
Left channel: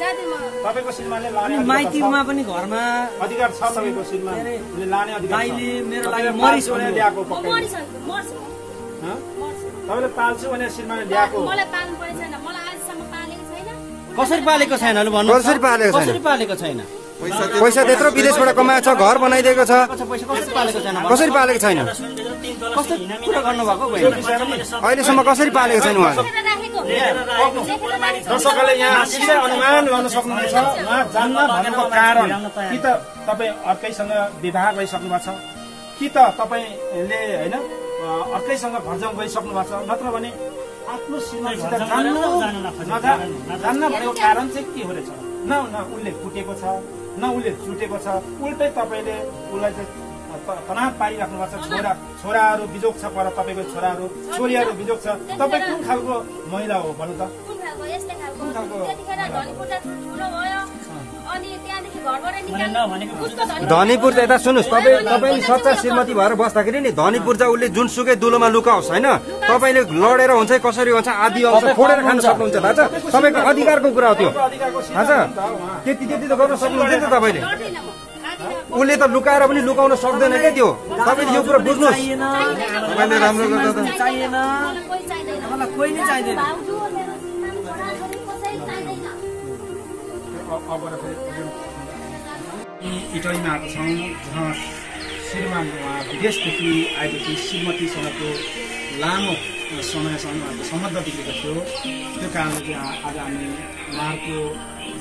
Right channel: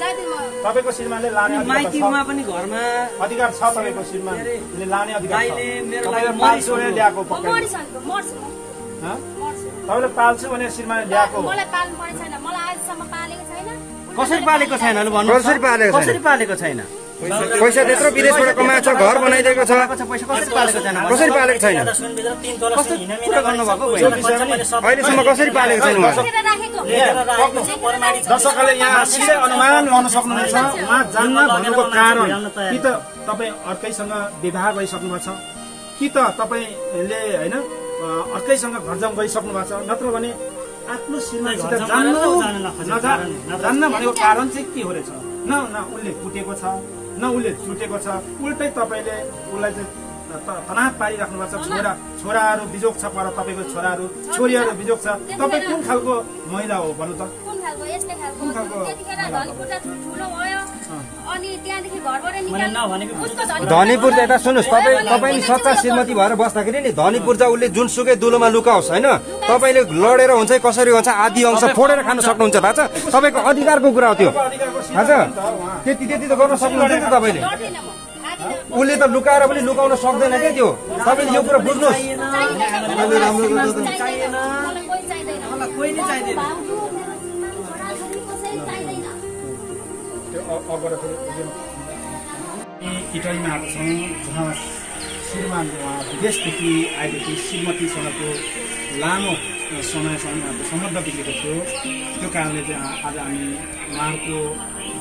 जाँदिन म तपाईँको श्रीमानले लाने अधिकार माइतीमा छ पनि घरमा अधिकार छ तपाईँको श्रीमानले लाने अधिकार छ दाइले मेरो तपाईँले लागि पाल्छु भने ल्याएको म मरिसक्छु मर्छु हँ? मर्छु तपाईँले पाल्छु भने श्रीमानले ल्याएको मलाई पाल्नु परेको छैन मलाई आजसम्म पालेको छैन कसरी पालेको छैन भन्नु कसरी पालेको छैन? कसरी पालेको छैन पैसा त्यत्रो विदेशबाट कमाएको छ घर बनाइदिएको छ पैसा कसरी पालेको छैन कसरी पालेको छैन कस्तो कुरा गर्नुभएको बहिनी अहिलेसम्म कसरी पालेको छैन उहाँले राखेको दर्शकहरूले यहाँ सिधै अनुमान लगाउन सक्नुहुनेछ उहाँ जान्न भन्नुको कारण कि त तपाईँ अर्कैसँग विवाह गरिसक्नु भएको छ कि त तपाईँले होइन अर्कैसँग घरजाउँ गरिसक्नु भएको छ नत्र भने आफ्नो श्रीमानसित जान्न भनेको कारण चाहिँ के हो रहेछ न उसले कुटेको छ न उसले चुटेको छ उल्टै तपाईँले उसलाई चाहिँ तनाव पारिराख्नु भएको छ छोराहरू बिजोग छ पर तपाईँको छोराहरू छोरीहरू बिजोग छ तपाईँ कुन खालको महिला हो भन्नु त कुन खालको यस्तै खालको त्यतिखेर धनीपुरलाई ठुलो भयो अनि त्यहाँदेखि घरबाट निकाल्नु उसको धनीपुर त यता सुन्नुहोस् तपाईँले सच्चा श्रीमती भएर बस्दाखेरि नि धनीपुर चाहिँ उसले जुनसुकै दुलोमा लुकाओस् होइन तपाईँले लडेर हुन्छ कसरी हुन्छ आदि अंश फोडेर खान सक्नुहुन्छ थाहा छ तपाईँको अधिकारको कुरा हो त्यो थाहा छ त्यति त गर्न सक्नुहुन्छ नि त तपाईँले लड्दिनँ म आदिन उसले त लुकाएर पनि लुकाउन सक्दैन क्या त्यो तपाईँले यो कुरा बुझ्नुहोस् चाहिएन राम्रो गर्दा त मलाई कोही चाहिँदैन मलाई कोही नै चाहिँदैन भाउजू मेरो श्रीमान छोराछोरी कसै चाहिँदैन इटलीमा आएको छौँ जहाँ श्रीमान उहाँ विदेशदेखि आएदेखि श्रीमतीसँगको लामो समयसम्म उहाँको सम्बन्ध बिग्रेको थियो त्यो कारणले चाहिँ आज हामी उहाँहरूको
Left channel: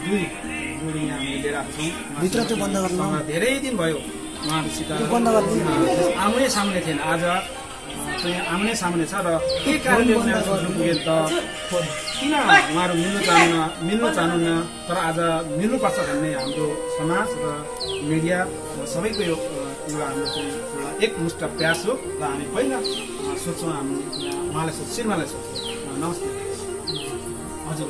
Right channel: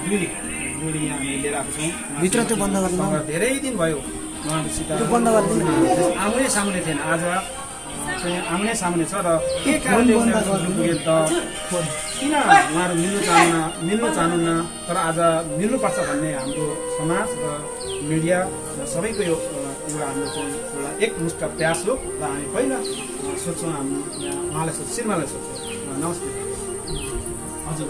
दुई जोडी यहाँ हामी लिएर आएको छौँ भित्र त्यो बन्द गर्नु धेरै दिन भयो उहाँहरूसित बन्द गरिदिनु आउने सामने थिएन आज चाहिँ आउने सामने छ र के कारणले उनीहरू पुगे त किन उहाँहरू मिल्नु चाहनुहुन्न तर आज मिल्नुपर्छ भन्ने हाम्रो समाज र मिडिया सबैको यो एउटा हाम्रो चाहिँ एउटा एकमुष्ट प्रयास हो र हामी पहिला सोच्छौँ हामी उहाँलाई सोध्छौँ श्रीमानलाई सोध्छौँ नमस्ते हजुर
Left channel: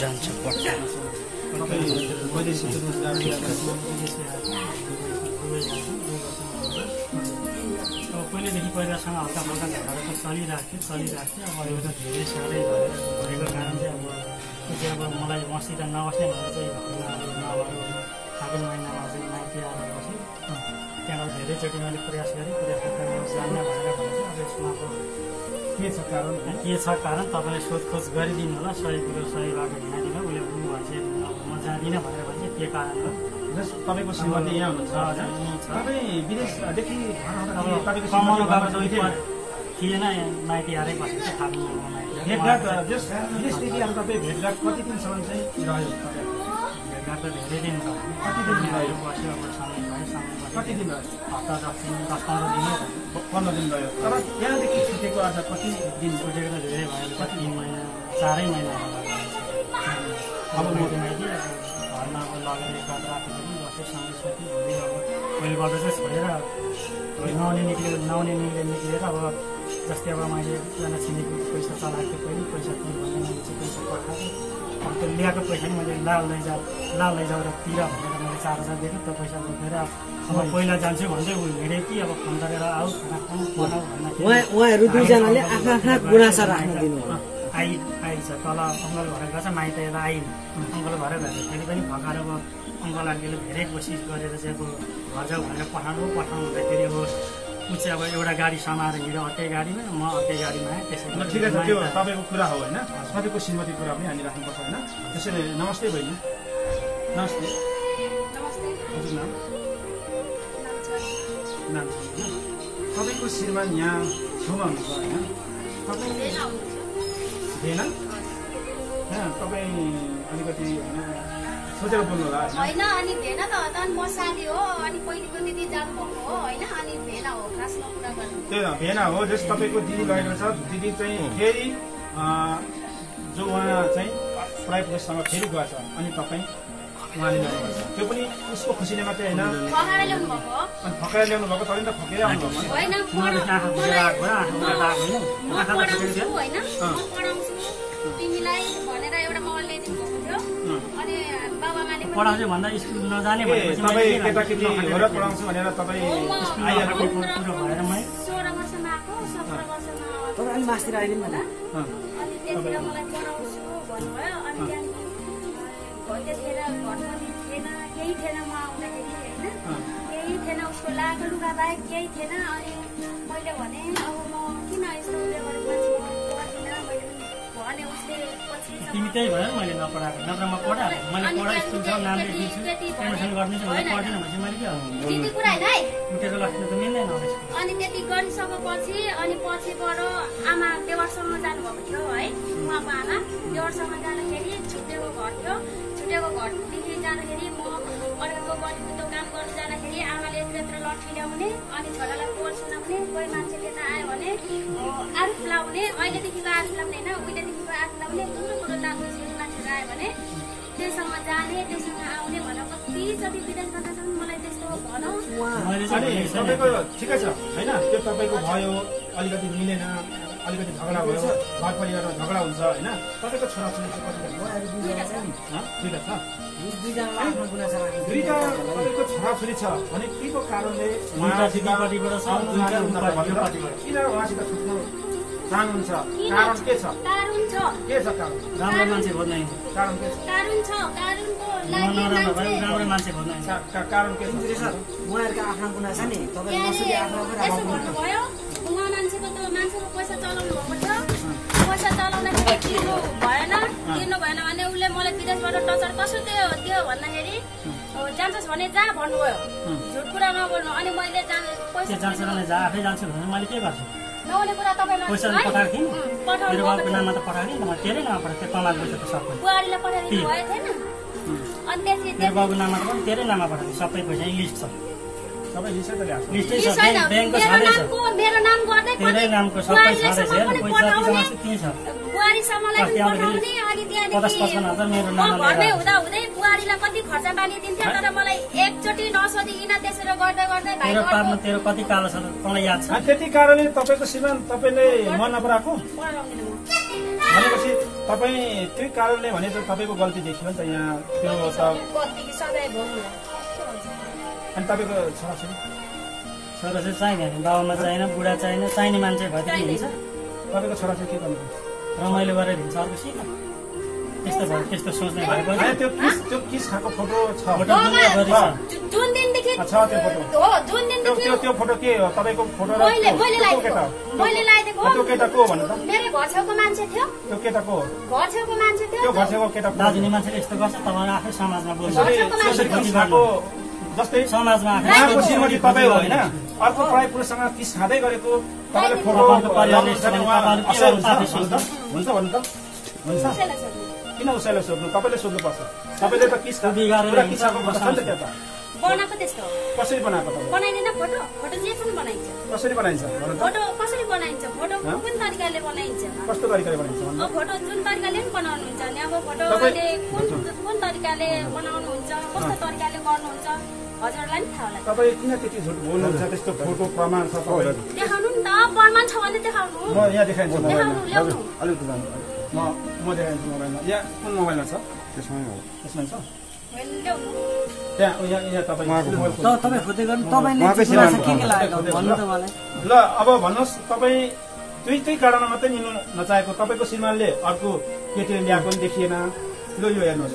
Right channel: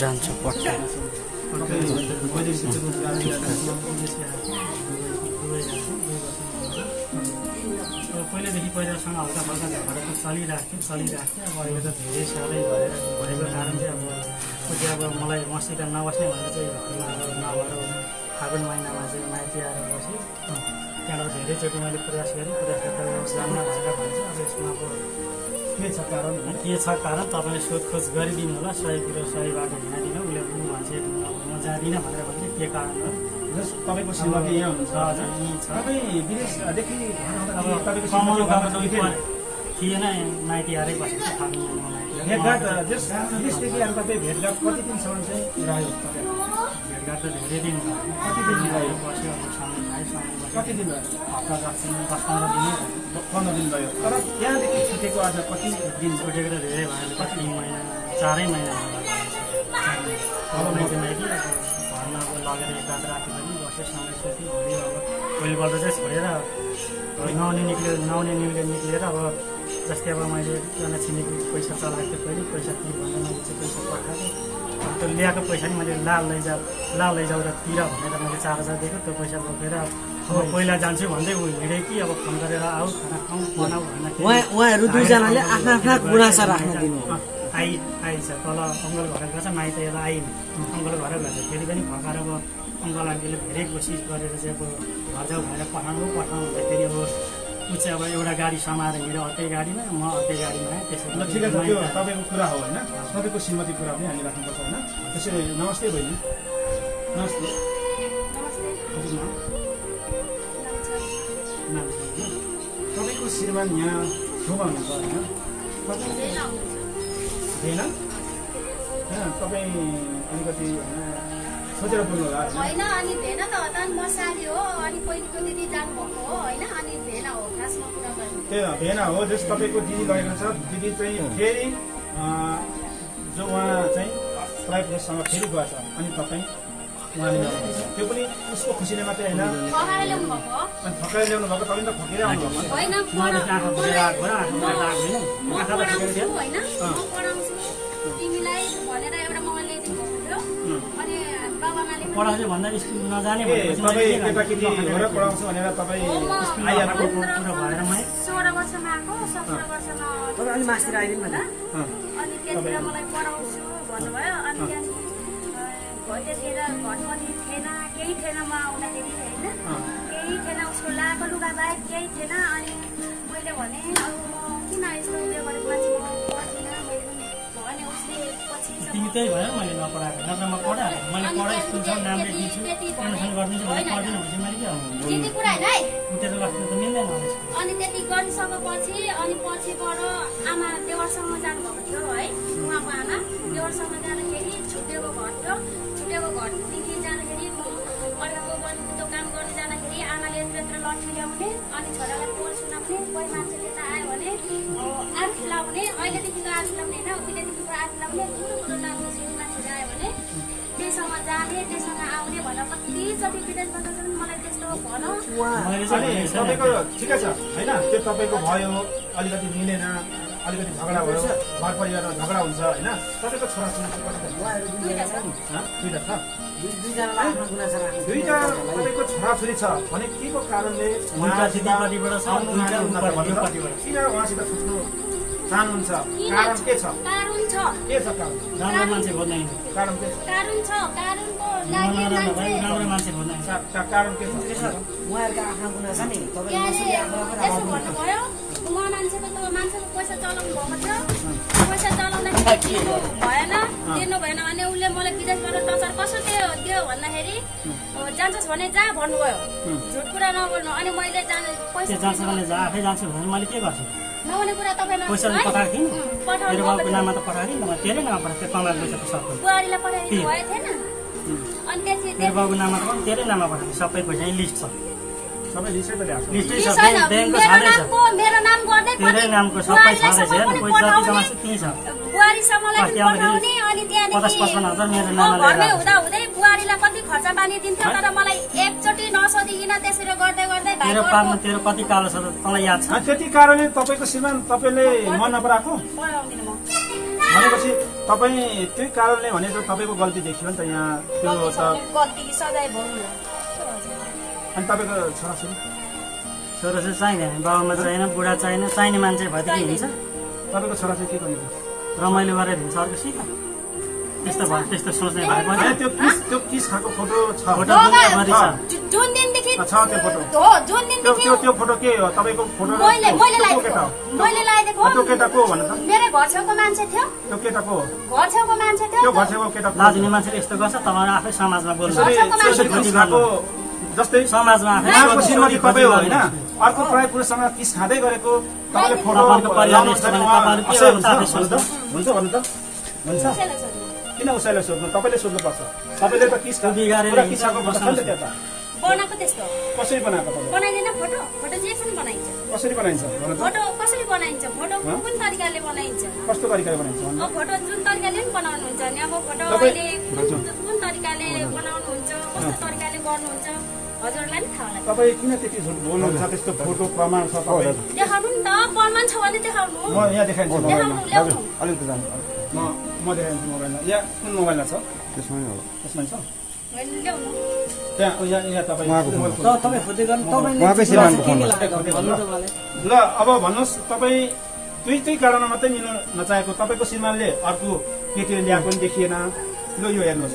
जान्छ पट्टा तपाईँ वैदेशिक रोजगार पहिलेदेखि पहिलासँग हल्का फल्का झगडा त चलिरहेको थियो अब अहिले त धेरै साह्रै भएको कारण चाहिँ अब कति अब मलाई मसित नबस्ने भनेर चाहिँ नभएर फागुन महिनामा चाहिँ माइती आएर बसेँ त्यहाँबाट धेरैचोटि मैले प्रयास गरेँ जान्न भनेर भन्छ अब यसमा अब के छ कारण के छ कारण तपाईँले सोधखोज गरिदिनु होला सही कुरो सही बाटो हिँडाइदिनु उसले ऊ भन्छ म जाँदिनँ भनेर भन्छ के कारण हो तपाईँको श्रीमती यहाँ हुनुहुन्छ हजुर यहीँ छ तपाईँ विदेशदेखि अब कमाउनु गएको थिएन माइती आएरै बसेको थियो फागुन महिनामा माइती भेटघाट विदेशदेखि आएर तपाईँ भेटघाट कति दिनसम्म चाहिँ रह्यो भेटघाट त धेरै दिन भयो। कति दिन भयो बस्यो, अब सँगै खायो, सँगै बस्यो। कति दिन भयो? हप्ता 10-15 दिनै भयो। 15 दिन भयो। तर यहाँदेखि छुटेको आज कति दिन छुटेको त धेरै भयो, कति 3 महिना 4 महिना होला। अब माइती अब घरमा अब लगेर एक रात राति पनि बस्यो, सँगै सुत्यो। भोलि अब भोलिपल्ट चाहिँ छोडेर नुहाउने निक्लेर अब जस्तै अब मैले एकजना छिमेकी पैसा चलाएको थिएँ, पहिले पैसा के भनेर मैले चाहिँ पैसा पठाएको। अब त्यो ल्याएको पैसा नि मैले लाल लैजाऊ र तिर भनेर मैले 4000 दिएको। त्यो पैसा बोकेर अब पहिला जान्छु भन्दै ऊ हिँडे कि अब फोन गरेर आऊ खाना खाउँ बनाऊ भन्दाखेरि उहाँहरू दुईजनाले आफ्ना आफ्ना गुनासा राख्न दिनु आइछ। तल अङ्कल घर गएछ, माइत यता आइन अङ्कल घर गएछ। फेरि पनि भर्खर अब अङ्कल आन्टीले धेरै कोसिस गरेर चाहिँ अब घर जाऊ भनेर पठाउनु हुँदाखेरि अब ऊ चाहिँ अब एउटा गाडी समाएर हिँड्यो अर्कै गाडीमा, म अर्कै गाडीमा आएँ। त्यसैले ठिकै छ, त्यो तपाईँको कुरा हो होइन, तपाईँको श्रीमती कुरा पनि हामी राख्नुपर्छ होइन। त्यसैले नमस्ते बहिनी। नमस्ते। हजुर नाम? नाम छ होइन? तपाईँको श्रीमान यहाँ ठाउँमा हुनुहुन्छ होइन? तपाईँ होइन? तपाईँ अलिकति सोचेर बोल्नु होला होइन। अनि भेन त म साली हो, अनि पहिलेको दिदी जानुभएको हो होइन, अनि भेन हो खासमा कुरा गर्नु। त्यो भेन हो, जस तपाईँको दिदी लगेको छ। दिदी चाहिँ फेरि जो उहाँ चाहिँ प्राइभ प्लेससँग फेरि गएछ, अनि तपाईँ उहाँले ल्याउनुभएको छ। त्यो पनि उसको खुसीले मात्रै होइन, फकाएर ल्याउनु भएको। अनि फकाएर ल्याउनु भएको, तपाईँ त फकेर आउनुभएको होइन। म पढाउँछु होइन, म पढाउँछु तिमीलाई भनेर एउटा मोबाइल ल्याइदिनु थियो। अनि बाबामाले पढाउँछु भन्दा स्कुल नजाने तपाईँ केटाकेटी हो पढाउँछु भनेर तपाईँ आइहाल्नु कुरो भएर मै 16 वर्षमा आएको, 17 वर्षमा अलि मास्तिर आइदिनु न। अनि त्यतिखेर मलाई पढाउँछु भन्नुभयो। अनि त्यहाँदेखि भइले थिएन, घर पनि थिएन, केही थिएन म आउँदाखेरि होइन, केही थिएन, उसको लाएको लुगा बाहेक केही थिएन। अनि मैले भने अब म किन यस्तो उयो गरेको मान्छे म पढ्दिनँ भने उसले पछि तिमी त्यही भयो मैले नपढाएको, नत्र म पढाएको। मैले पढा स्कुल छ नाम लेखिदिन्छु, एडमिसन गरिदिन्छु भने पढ्दिनँ भने मैले के त्यति कुरा होइन है। उठेर लाग्नु त मिल्दैन। अनि त्यति गरिसकेपछि अनि पछिबाट आमा देवरसँग जानुभएको थियो है, उहाँको आमा देवरसँग जाँदाखेरि छुट्टेको घर थियो। छुट्टेको घरदेखि जाँदाखेरि म अर्को बहिनीको काम गर्दै जाँदाखेरि आमाले यत्र लट्ठी ल्याउने, अनि छोरालाई पोल सुनाउने, कोही मान्छे त्यता आयो भने आरु फुलाउने, अहिलेदेखिको आरु फुलाउने होइन, उहिलेदेखिको आरु फुलाउने, कुरो कुरो लाग्ने मान्छेहरू आयो भने त्यसँग जाने, त्यसँग आउने भनेर कतिचोटि विदेशबाट पनि मलाई त्यस्तो भन। अनि तपाईँको ठिकै छ होइन, त्यो तपाईँको भयो, अलिकति मिलेन, अलिकति झगडा भयो, घर परिवारमा झगडा हुन्छ होइन। तपाईँको छोराछोरी दुईटा छ। दुईटा तपाईँको छोराछोरी छ भने के को कारणले किन उहाँसित छुट्नु चाहनुहुन्छ? कारण के छ? कारण छ, के छ कारण? राम्रो मान्छे खोज्न कारण के छ? कारण छ, कारणको लागि राम्रो मान्छे खोज्न कारण के छ? उहाँहरूका आफ्ना गुनासा नि यस्तो भन्नुभयो, उहाँ मान्छेको पैसा चलाउनु भएको छ, पैसा चलाउँदाखेरि दिनु भएन भने उसले मलाई विदेशबाट टचर कसो दियो भन्दाखेरि जान्छस् भने जा भन्नुभयो, झुट कुरा नबोल्नु। अनि मैले पैसा आफै जान्छु भने मैले के गर्छु? नहुने कुरा तपाईँलाई पैसा पठाएको थिएँ, मेरो बाबुको नाममा त पठाएको थिएँ, तेरै नाममा पठाएको थिएँ, कमाएको पैसा त सबै बुहारीलाई पठाइदिनु भएको थिएन। अनि त्यसपछि मेरो बाबुको नाममा त पनि तेरै नाममा पठाएको सबै पैसा लिस्ट छ, सबै लिस्टै पनि आएको लिस्टै छ, ब्याङ्कको छाँदैछ, मेरो नाम गर्दै तेरै नामको सबै छाँदैछ, हेर्नु पैसा जति जम्मा छ त्यही छ। बुहारीसम्मलाई पठाउने, अनि त्यहाँदेखि 50-55 मेरो म नाममा घरमै हुँदा हुँदै बुहारीलाई कति खर्च पानी दिन्थ्यो, तर मलाई एकचोटि नसोधिकन त्यसरी गर्दै गर्दै भाइ तेरो पापमा तेरो कति कालो छ तँलाई याद छ? त्यति कारणले तपाईँको श्रीमान तपाईँले मन नपराएको पढाउँदिनँ म। भनेपछि तपाईँ त्यही कारणले भने त तपाईँको गल्ती देखियो नि त यहाँ त्यो त। गल्ती सधैँ भोग्नु। अनि तपाईँको छोराछोरी छोराछोरी चाहिँदैन, बाबामा चाहिएन, बुढा चाहिएन, चाहिने मान्छे भएदेखि हिँड्छ, तपाईँको छोराछोरी के गर्नु? रमाइलो गरेर हिँड्छ, अर्को सिक त्यस्तो भयो, त्यस्तो सोच्ने भए पनि त्यो किस खाएको फोटो छ? फोटो दुनियाँभरि छ। जुन दिनदेखि छ त्यो फोटो हो, जुन दिनदेखि त्यो फोटो के हो? तपाईँको फोटो मैले केटा हो? मैले लगाइदिएको त्यो केटा को हो भन्नु त? मेरो घर छेउको मान्छे थियो, त्यो केटा को हो? घर छेउको मान्छे थियो। त्यो घर छेउको केटा को? दाजुनी मान्छेले यस्तो गर्छ, तपाईँहरू आफै समाजमा बोल्नु, त्यसरी किस खाएको जस्तै समाजमा आफै उहाँको श्रीमती तपाईँ हो होइन, अर्को पढाइ पुरुषसँग किस खाँदै गरेको तपाईँले फोटो तपाईँको परिवारले हुन्छ भन्नु त? हुन्छ? हुन्छ? कसैलाई छोड्नु। किन उसैलाई सोध्नु तपाईँले सोध्नुपर्छ तपाईँले त पुरा किस्साको फोटो छ नि त त्यता बनाएको त्यस्तो कसरी बनाएको तपाईँ बनाइदैन फोटो फोटो जे पनि बनाइन्छ कसरी बनाइन्छ फोटो कसरी बनाइन्छ फोटो कुन तरिकाले बनाइन्छ कस्तो तरिकाले बनाइन्छ अब फोटो जुन तरिकाले पनि बनाउनुहुन्छ नि अब फोटो अहिले कुन तरिकाले बनाउनुहुन्छ कस्तो तरिकाले गर्नुहुन्छ हजुरलाई नि थाहा होला तपाईँ किन त्यति झुट बोल्नुहुन्छ त्यस्तो फोटो प्रमाण छ देखाउनु नि त प्रमाण छ भने देखाउनु म यहाँ देखाइदिन्छु देखाउनु ल्याउनु अलिकति जानु म देखाइदिन्छु मोबाइलमा यहाँ कुन मोबाइलमा छ त्यसमै छ ल्याउनु त्यहाँ यहाँ तपाईँ ल अब भन्नुहोस् तपाईँ त्यही कारणमा मात्रै लिनु नचाहेको तपाईँको श्रीमानले अर्को केटी ल्याएको पनि देखिएन ल यो हेर्नुहोस्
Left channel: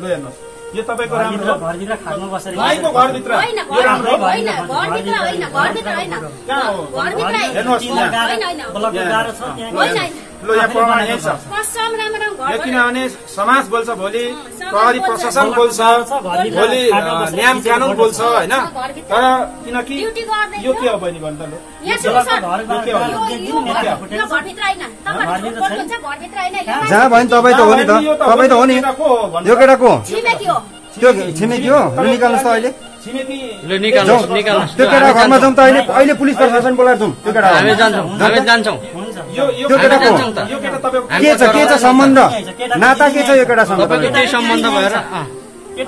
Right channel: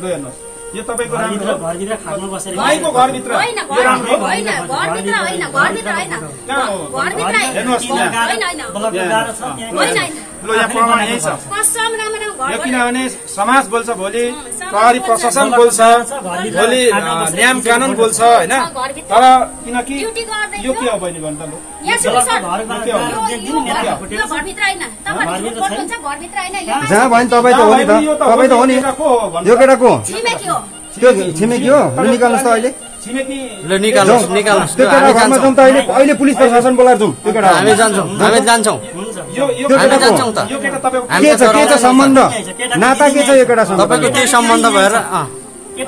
ल हेर्नुहोस् यो तपाईँको राम्रो घरभित्र खानु बसेर भाइको घरभित्र होइन घरभित्र होइन घरभित्र होइन घरभित्र होइन घरभित्र हेर्नुहोस् होइन ल यहाँ प्रमाण यही छ कसम राम्रो घर किनभने समाज बोल्छ भोलि प्रहरी प्रशासन बोल्छ भोलि नियम कानुन बोल्छ होइन तर किनकि यो के हो बहिनी भन्नु त जहाँ भयो तपाईँ त हो नि त तपाईँ त हो नि यो केटा को त्यो छिमेकी हो निकाल्नुहोस् त अहिले निकाल्नुहोस् त्यो केटा घरमा जाउँ त अहिले पुलिस प्रशासन बोलाएर जाउँ त्यो केटा हामी जान्छौँ के छ सम्बन्ध नाता के छ यो केटासँग तपाईँको केही सम्बन्ध भएर कि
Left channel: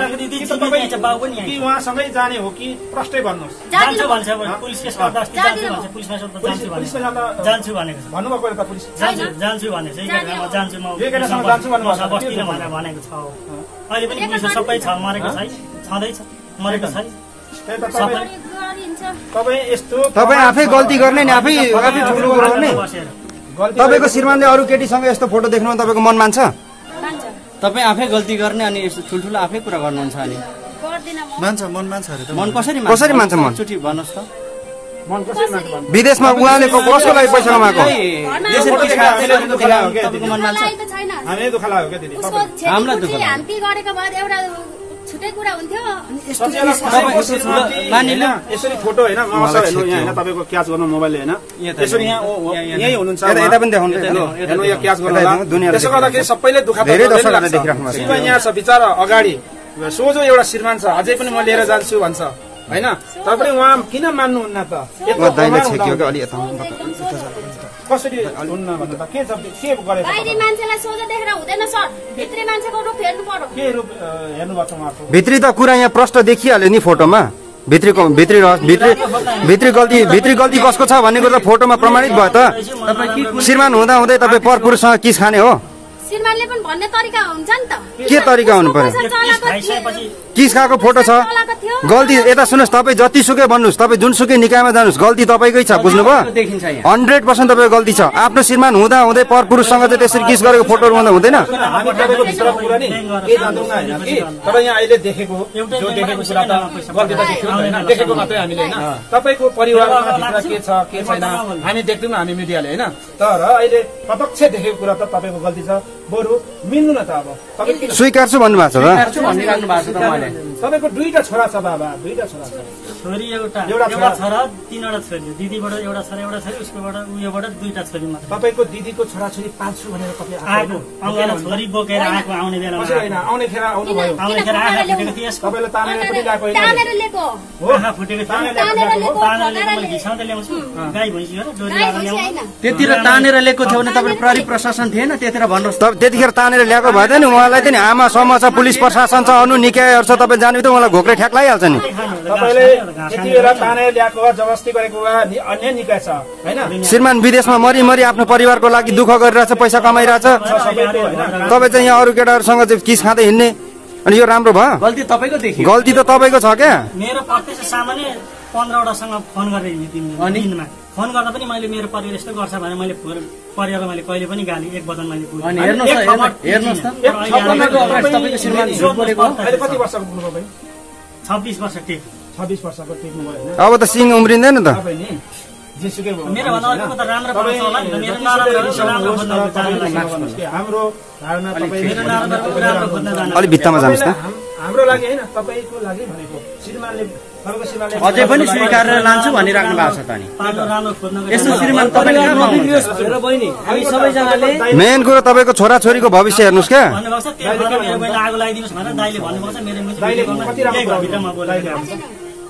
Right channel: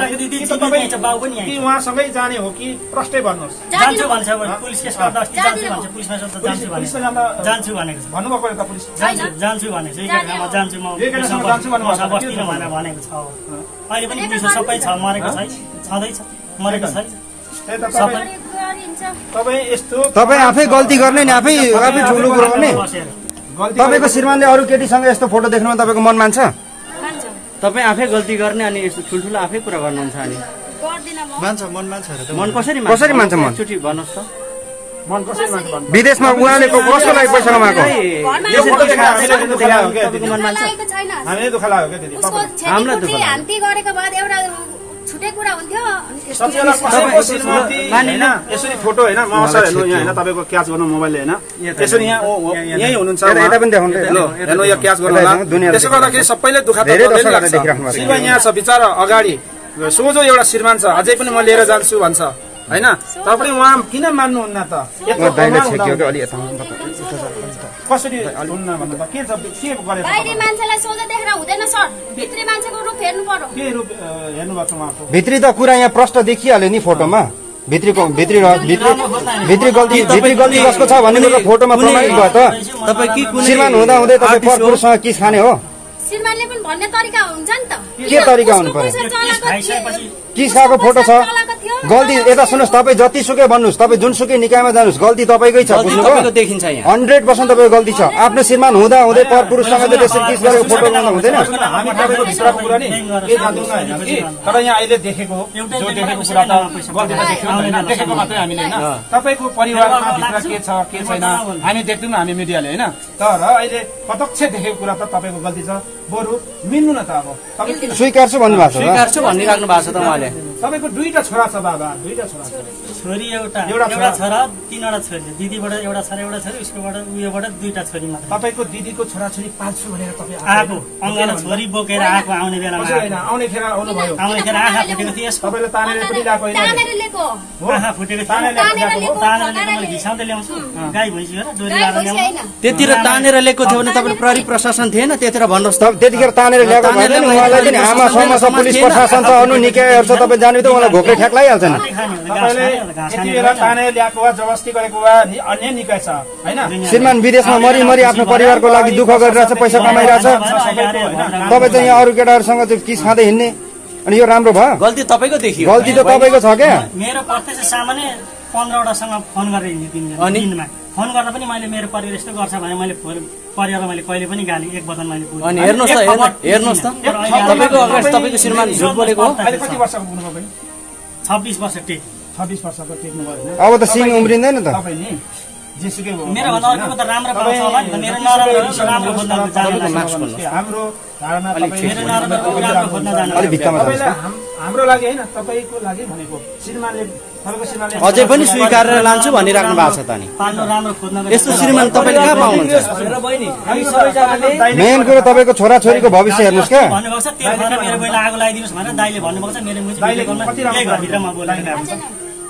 उहाँसँगै जाने हो कि प्रष्टै भन्नुहोस् जान्छु भन्छ पुलिस केस गर्दा अस्ति जान्छु भन्छ पुलिसमा जान्छु भनेको छ भन्नुभएको त पुलिस जान्छु भनेको छ जान्छु म बस्दिनँ भनेर भनेको छ अहिले पनि पुलिसमा सबै छ मरेको छैन छँदैछ मरेको छैन तपाईँ यस्तो तपाईँ आफै गल्ती गर्ने नि आफै ठुलो कुरो गर्ने तपाईँको श्रीमानले अरू केटीसँग यस्तो फोटो देख्नुमा तपाईँको मन मान्छ तपाईँ आफै गल्ती गर्ने अनि यस्तो ठुल्ठुलो आफै कुरा गर्नुहुन्छ अनि मन कसरी मान्छ मन चुटी भन्नुहोस् त मन कसरी मान्छ विदेशमा उहाँले कसको लागि पैसा कमाएको तपाईँको मन मान्छ हामीले दुःख लाग्यो क्या दिदी हामीलाई दुःख हान्ती गरेको बाद एउटा छुट्टै कुरा हुन्थ्यो यसरी फोटो होइन मसर हेर्नु यहाँ होइन तपाईँको क्याच गर्नु मोबाइलले होइन यसरी यहाँ यही हुनुहुन्छ यता पनि देखाउनु त्यसो गर्दाखेरि सबैले दुःख धेरै दर्शकहरूले देखिराख्नु भएको यहाँ छ बिचरा अगाडि सोझो एउटा श्रीमान छ अझै पनि म लिएर जान्छु भन्छ होइन तपाईँ उहाँ किन मान्नुहुन्न त कसरी हुन्न भन्नु त के गरेको बाहिरी मान्छेलाई सोझो देखेर हुँदैन सर भित्री मान्छेको रूप हेर्नु पर्यो के रूप हेर्नुभएको छ उहाँको भित्री त कुरा यहाँ प्रष्ट देखिहाल्यो नि फोटोमा भित्री गल्ती कसको छ भन्ने कुरो फोटोमा प्रमाणित भयो त तपाईँ श्रीमान हुँदा हुँदै तपाईँ परपुरुषसँग किस खाने हो श्रीमानले पनि भन्ने तरिका हुन्छ नि त के तरिका हुनु पर्यो किस खाएको फोटो छ गल्ती यता सुन्नुहोस् तपाईँ जतिसुकै भन्नुहोस् तपाईँ जुनसुकै निकायमा जानुहोस् गल्ती तपाईँकै छ बुझ्नुभयो 100% तपाईँको गल्ती छ आफ्नो श्रीमान हुँदा हुँदै परपुरुषसँग चाहिँ त्यसरी किस गरेको फोटोहरू हुँदा हुँदैन हामी तपाईँको भित्रको कुरा नि के जान्दैनौँ होइन कि तर यहाँ अहिले देखेको जो देखेको कुरा त गल्ती त देखेको मात्रै हामीले होइन तपाईँको परिवारमा भित्र के छ के छैन हामी देख्दैनौँ हामी मिडियाले होइन तर अहिले प्रत्यक्ष देखेको कुरा त तपाईँको गल्ती छ बरु मिल्नु न त अब स्वीकार्छु भन्नुभएको छ स्वीकार्छु भनिराख्नु भएको छ त उहाँले तपाईँको दुईटा छोरा छ बाबा दुईटा छोरा छ छोरी एउटा छोरा 3वटा छोरी दिदीबाट एउटा छोरा एउटा छोरी उसकोबाट उयोबाट 2टा छोरी मात्र तपाईँको दिदीको छोराछोरी पाल्छु भनेर तपाईँ आएको अङ्गना छोरी बोकेर आएको आउने बेलामा होइन आउने खेर आउनु भयो आउने खेर आँखा फुटेको थियो तपाईँले तानेर पनि ल्याएको होइन तानेर ल्याएको आँखा फुटेको थियो तानेर घिसाउँदै ल्याउँछु गाई भैँसी हो डोरी त्यतिर तानेर ल्याएको थियो भने तपाईँ प्रहरी प्रशासन थिएन त्यतिर भन्नुहोस् त त्यतिखेर तानेर ल्याएको भएन नि उहाँलाई चाहिँ आमा समाज पुलिस प्रशासन छ अनु निकायहरू छ तपाईँ जानु त उहाँलाई घोक्रे ठ्याक लगाइहाल्छ नि तपाईँले यति बेला तानेर ल्याएको वा जबरजस्ती गरेको वा अन्य निकाय छ होइन श्रीमान विदेशमा मरि आफ्नो परिवारको लागि दुःख गरिरहेछ पैसा कमाइरहेछ तपाईँ चाहिँ यहाँ अरू केटाहरूसँग चाहिँ किस खाँदै हिँड्ने अनि यो राम्रो भयो गल्ती तपाईँको देखियो गल्ती त तपाईँको छ क्या मेरो प्रत्यक्ष सामान्य 15वटासँग फोन गरेर हिँड्ने दिनमा फोन गर्दा पनि मैले मेरो परिवार यस्तो गर्छ भने मैले परिवारमा मैले कहिले पनि गाली एक वचन मैले अनि हेर्नुहोस् त तपाईँको अगाडि तपाईँको श्रीमान झुट बोलेको हो अहिले कति वर्षको हुनुभयो बहिनी 26 वर्ष टेक 26 वर्षको टेक्नु भयो होइन अब त सिङ उम्रिँदैन त तपाईँ नि जेसुकै भयो मेरो भन्दा अर्को त राम्रो पाउँछ होला नि मेरो नराम्रो हाम्रो धारणा तपाईँ अलिक भित्तामा जानुहोस् त हाम्रो लागि होइन तपाईँको लागि भनेको श्रीमानले तपाईँको श्रीमानले अझै पनि स्वीकारेर लान्छु भनिराख्नु भएको छ त नि पाल्नु राम्रो खोज्नको यस्तो श्रीमान तपाईँले कहाँ पाउनुहुन्छ मेन कुरो तपाईँको छोराछोरीको भविष्य हेर्नुहोस् क्या भन्नुभएको छ तेल भएर मेरो बहिनी आगो लगाइदिनुहोस् भनेर दाइले भन्नुभएको छ मेरो भित्रमा बोलेको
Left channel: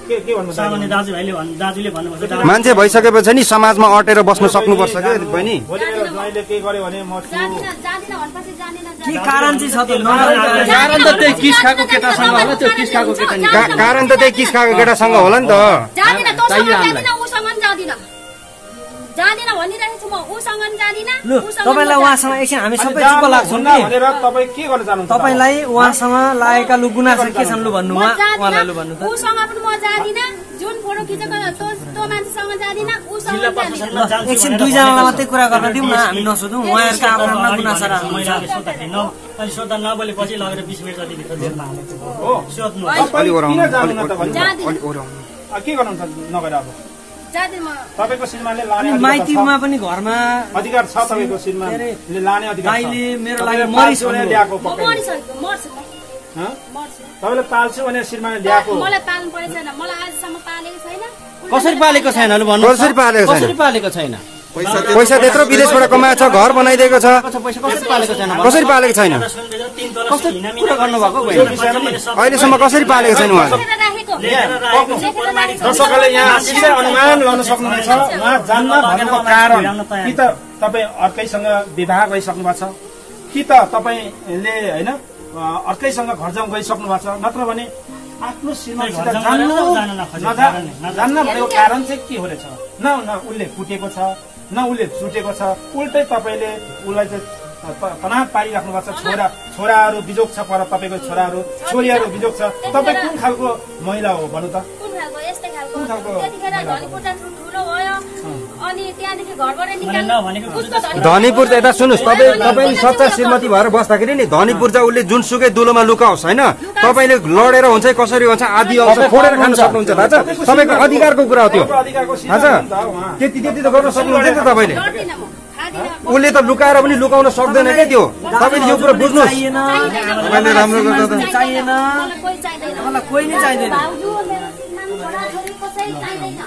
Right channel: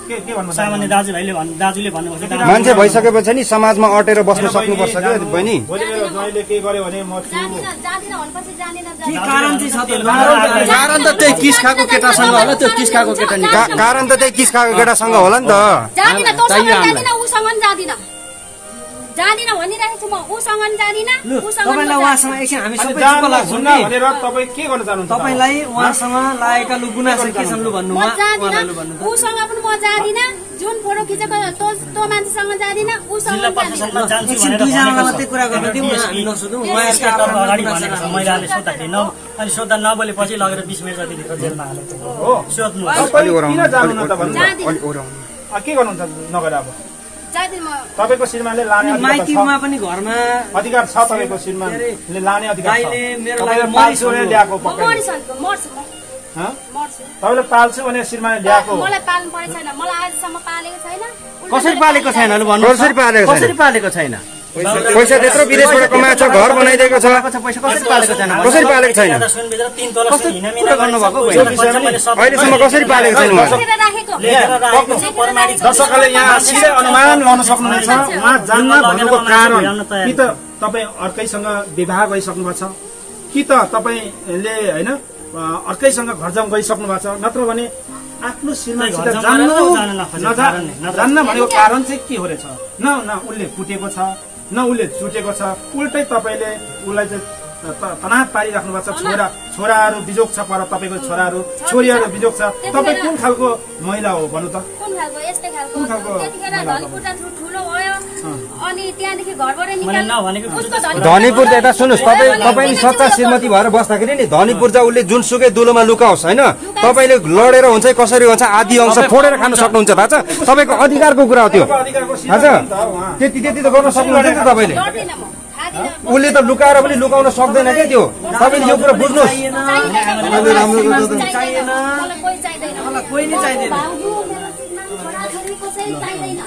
के भन्नु सामान्य दाजुले भन्नुभएको छ मान्छे भइसकेपछि नि समाजमा अटेर बस्न सक्नुपर्छ क्या बहिनी भोलि मेरो ज्वाइँले के गर्यो भने म जाँदिन भनेपछि जाँदिन के कारण चाहिँ छ त्यसले कारण त त्यही किस खाएको केटासँग होला त्यो किस खाएको केटा नि कारण त त्यही किस खाएको केटासँग होला नि त जाँदिन तँसँग जाँदिन उसँग पनि जाँदिन जाँदिन भनिरहेको छु म उसँग पनि जाँदिन उसँग तपाईँलाई उहाँसँग एकछिन हामी सबै चुप लाग्छौँ हुन्न भनेर तपाईँ के गर्न चाहनुहुन्छ तपाईँलाई उहाँसँग लागेका लु गुनासो के छन् लु भन्नु म जाँदिन उसँग पनि म जाँदिन जुन फोटो खिचेको त्यो मान्छेसँग जाँदिन उसँग पनि जाँदिन एकछिन दुईजना मात्रै कुरा गर्न दिउँ न हामी नसोधौँ उहाँहरूका अगाडि भनेको महिलाले सोद्धाखेरि अनि सोद्धा नबोलेपछि लगेर 20 मिनट जतिभित्र जेलमा हालेको हो सोध्नु अलि ओराउनु किन जानु न त भन्नु जाँदिन अलि ओराउनु के गर्नुहुन्छ नगएर अब जाँदिन म तपाईँको श्रीमानले लाने अधिकार माइतीमा छ पनि घरमा अधिकार छ तपाईँको श्रीमानले लाने अधिकार छ दाइले मेरो तपाईँले लागि पाल्छु भने ल्याएको म मरिसकेको मर्छु म हँ? मर्छु तपाईँले पाल्छु भने श्रीमानले ल्याएको मलाई पाल्नु परेको छैन मलाई आजसम्म पालेको छैन कसरी पालेको छैन लु भन्नु कसरी पालेको छैन? कसरी पालेको छैन पैसा त्यत्रो विदेशबाट कमाएको छ घर बनाइदिएको छ पैसा कसरी पालेको छैन कसरी पालेको छैन कस्तो कुरा गर्नुभएको बहिनी अहिलेसम्म कसरी पालेको छैन उहाँ दर्शकहरूले यहाँ सिधै अनुमान लगाउन सक्नुहुन्छ उहाँ जान्न भन्नुको कारण कि त तपाईँ अर्कैसँग विवाह गरिसक्नु भएको छ कि त तपाईँले होइन अर्कैसँग घर जाउँ गइसक्नु भएको छ नत्र भने आफ्नो श्रीमानसित जान्न भनेको कारण चाहिँ के हो रहेछ न उसले कुटेको छ न उसले चुटेको छ उल्टै तपाईँले उसलाई चाहिँ तनाव पारिराख्नु भएको छ छोराहरू बिजोग छ पर तपाईँको छोराहरू छोरीहरू बिजोग छ तपाईँ कुन खालको महिला हो भन्नु त कुन खालको यस्तै खालको त्यतिखेर धनीपुरटा ठुलो भयो अनि त्यहाँदेखि घरबाट निकाल्नु उसको धनीपुर त यता सुन्नुहोस् तपाईँ सच्चा श्रीमती भएर बस्दाखेरि नि धनीपुर चाहिँ उसले जुनसुकै दुलोमा लुकाओस् होइन तपाईँले लडेर हुन्छ कसरी हुन्छ आदि अंश फोडेर खान सक्नुहुन्छ थाहा छ तपाईँको अधिकारको कुरा हो त्यो थाहा छ त्यति त गर्न सक्नुहुन्छ नि त तपाईँले लड्दिन म खादिन उसले त लुकाएर पनि लुकाउन सक्दैन क्या त्यो तपाईँले यो कुरा बुझ्नुहोस् राम्रो चाहिएन मलाई कोही चाहिँदैन कोही नै चाहिँदैन भाउजू मेरो श्रीमान छोराछोरी कसै चाहिँदैन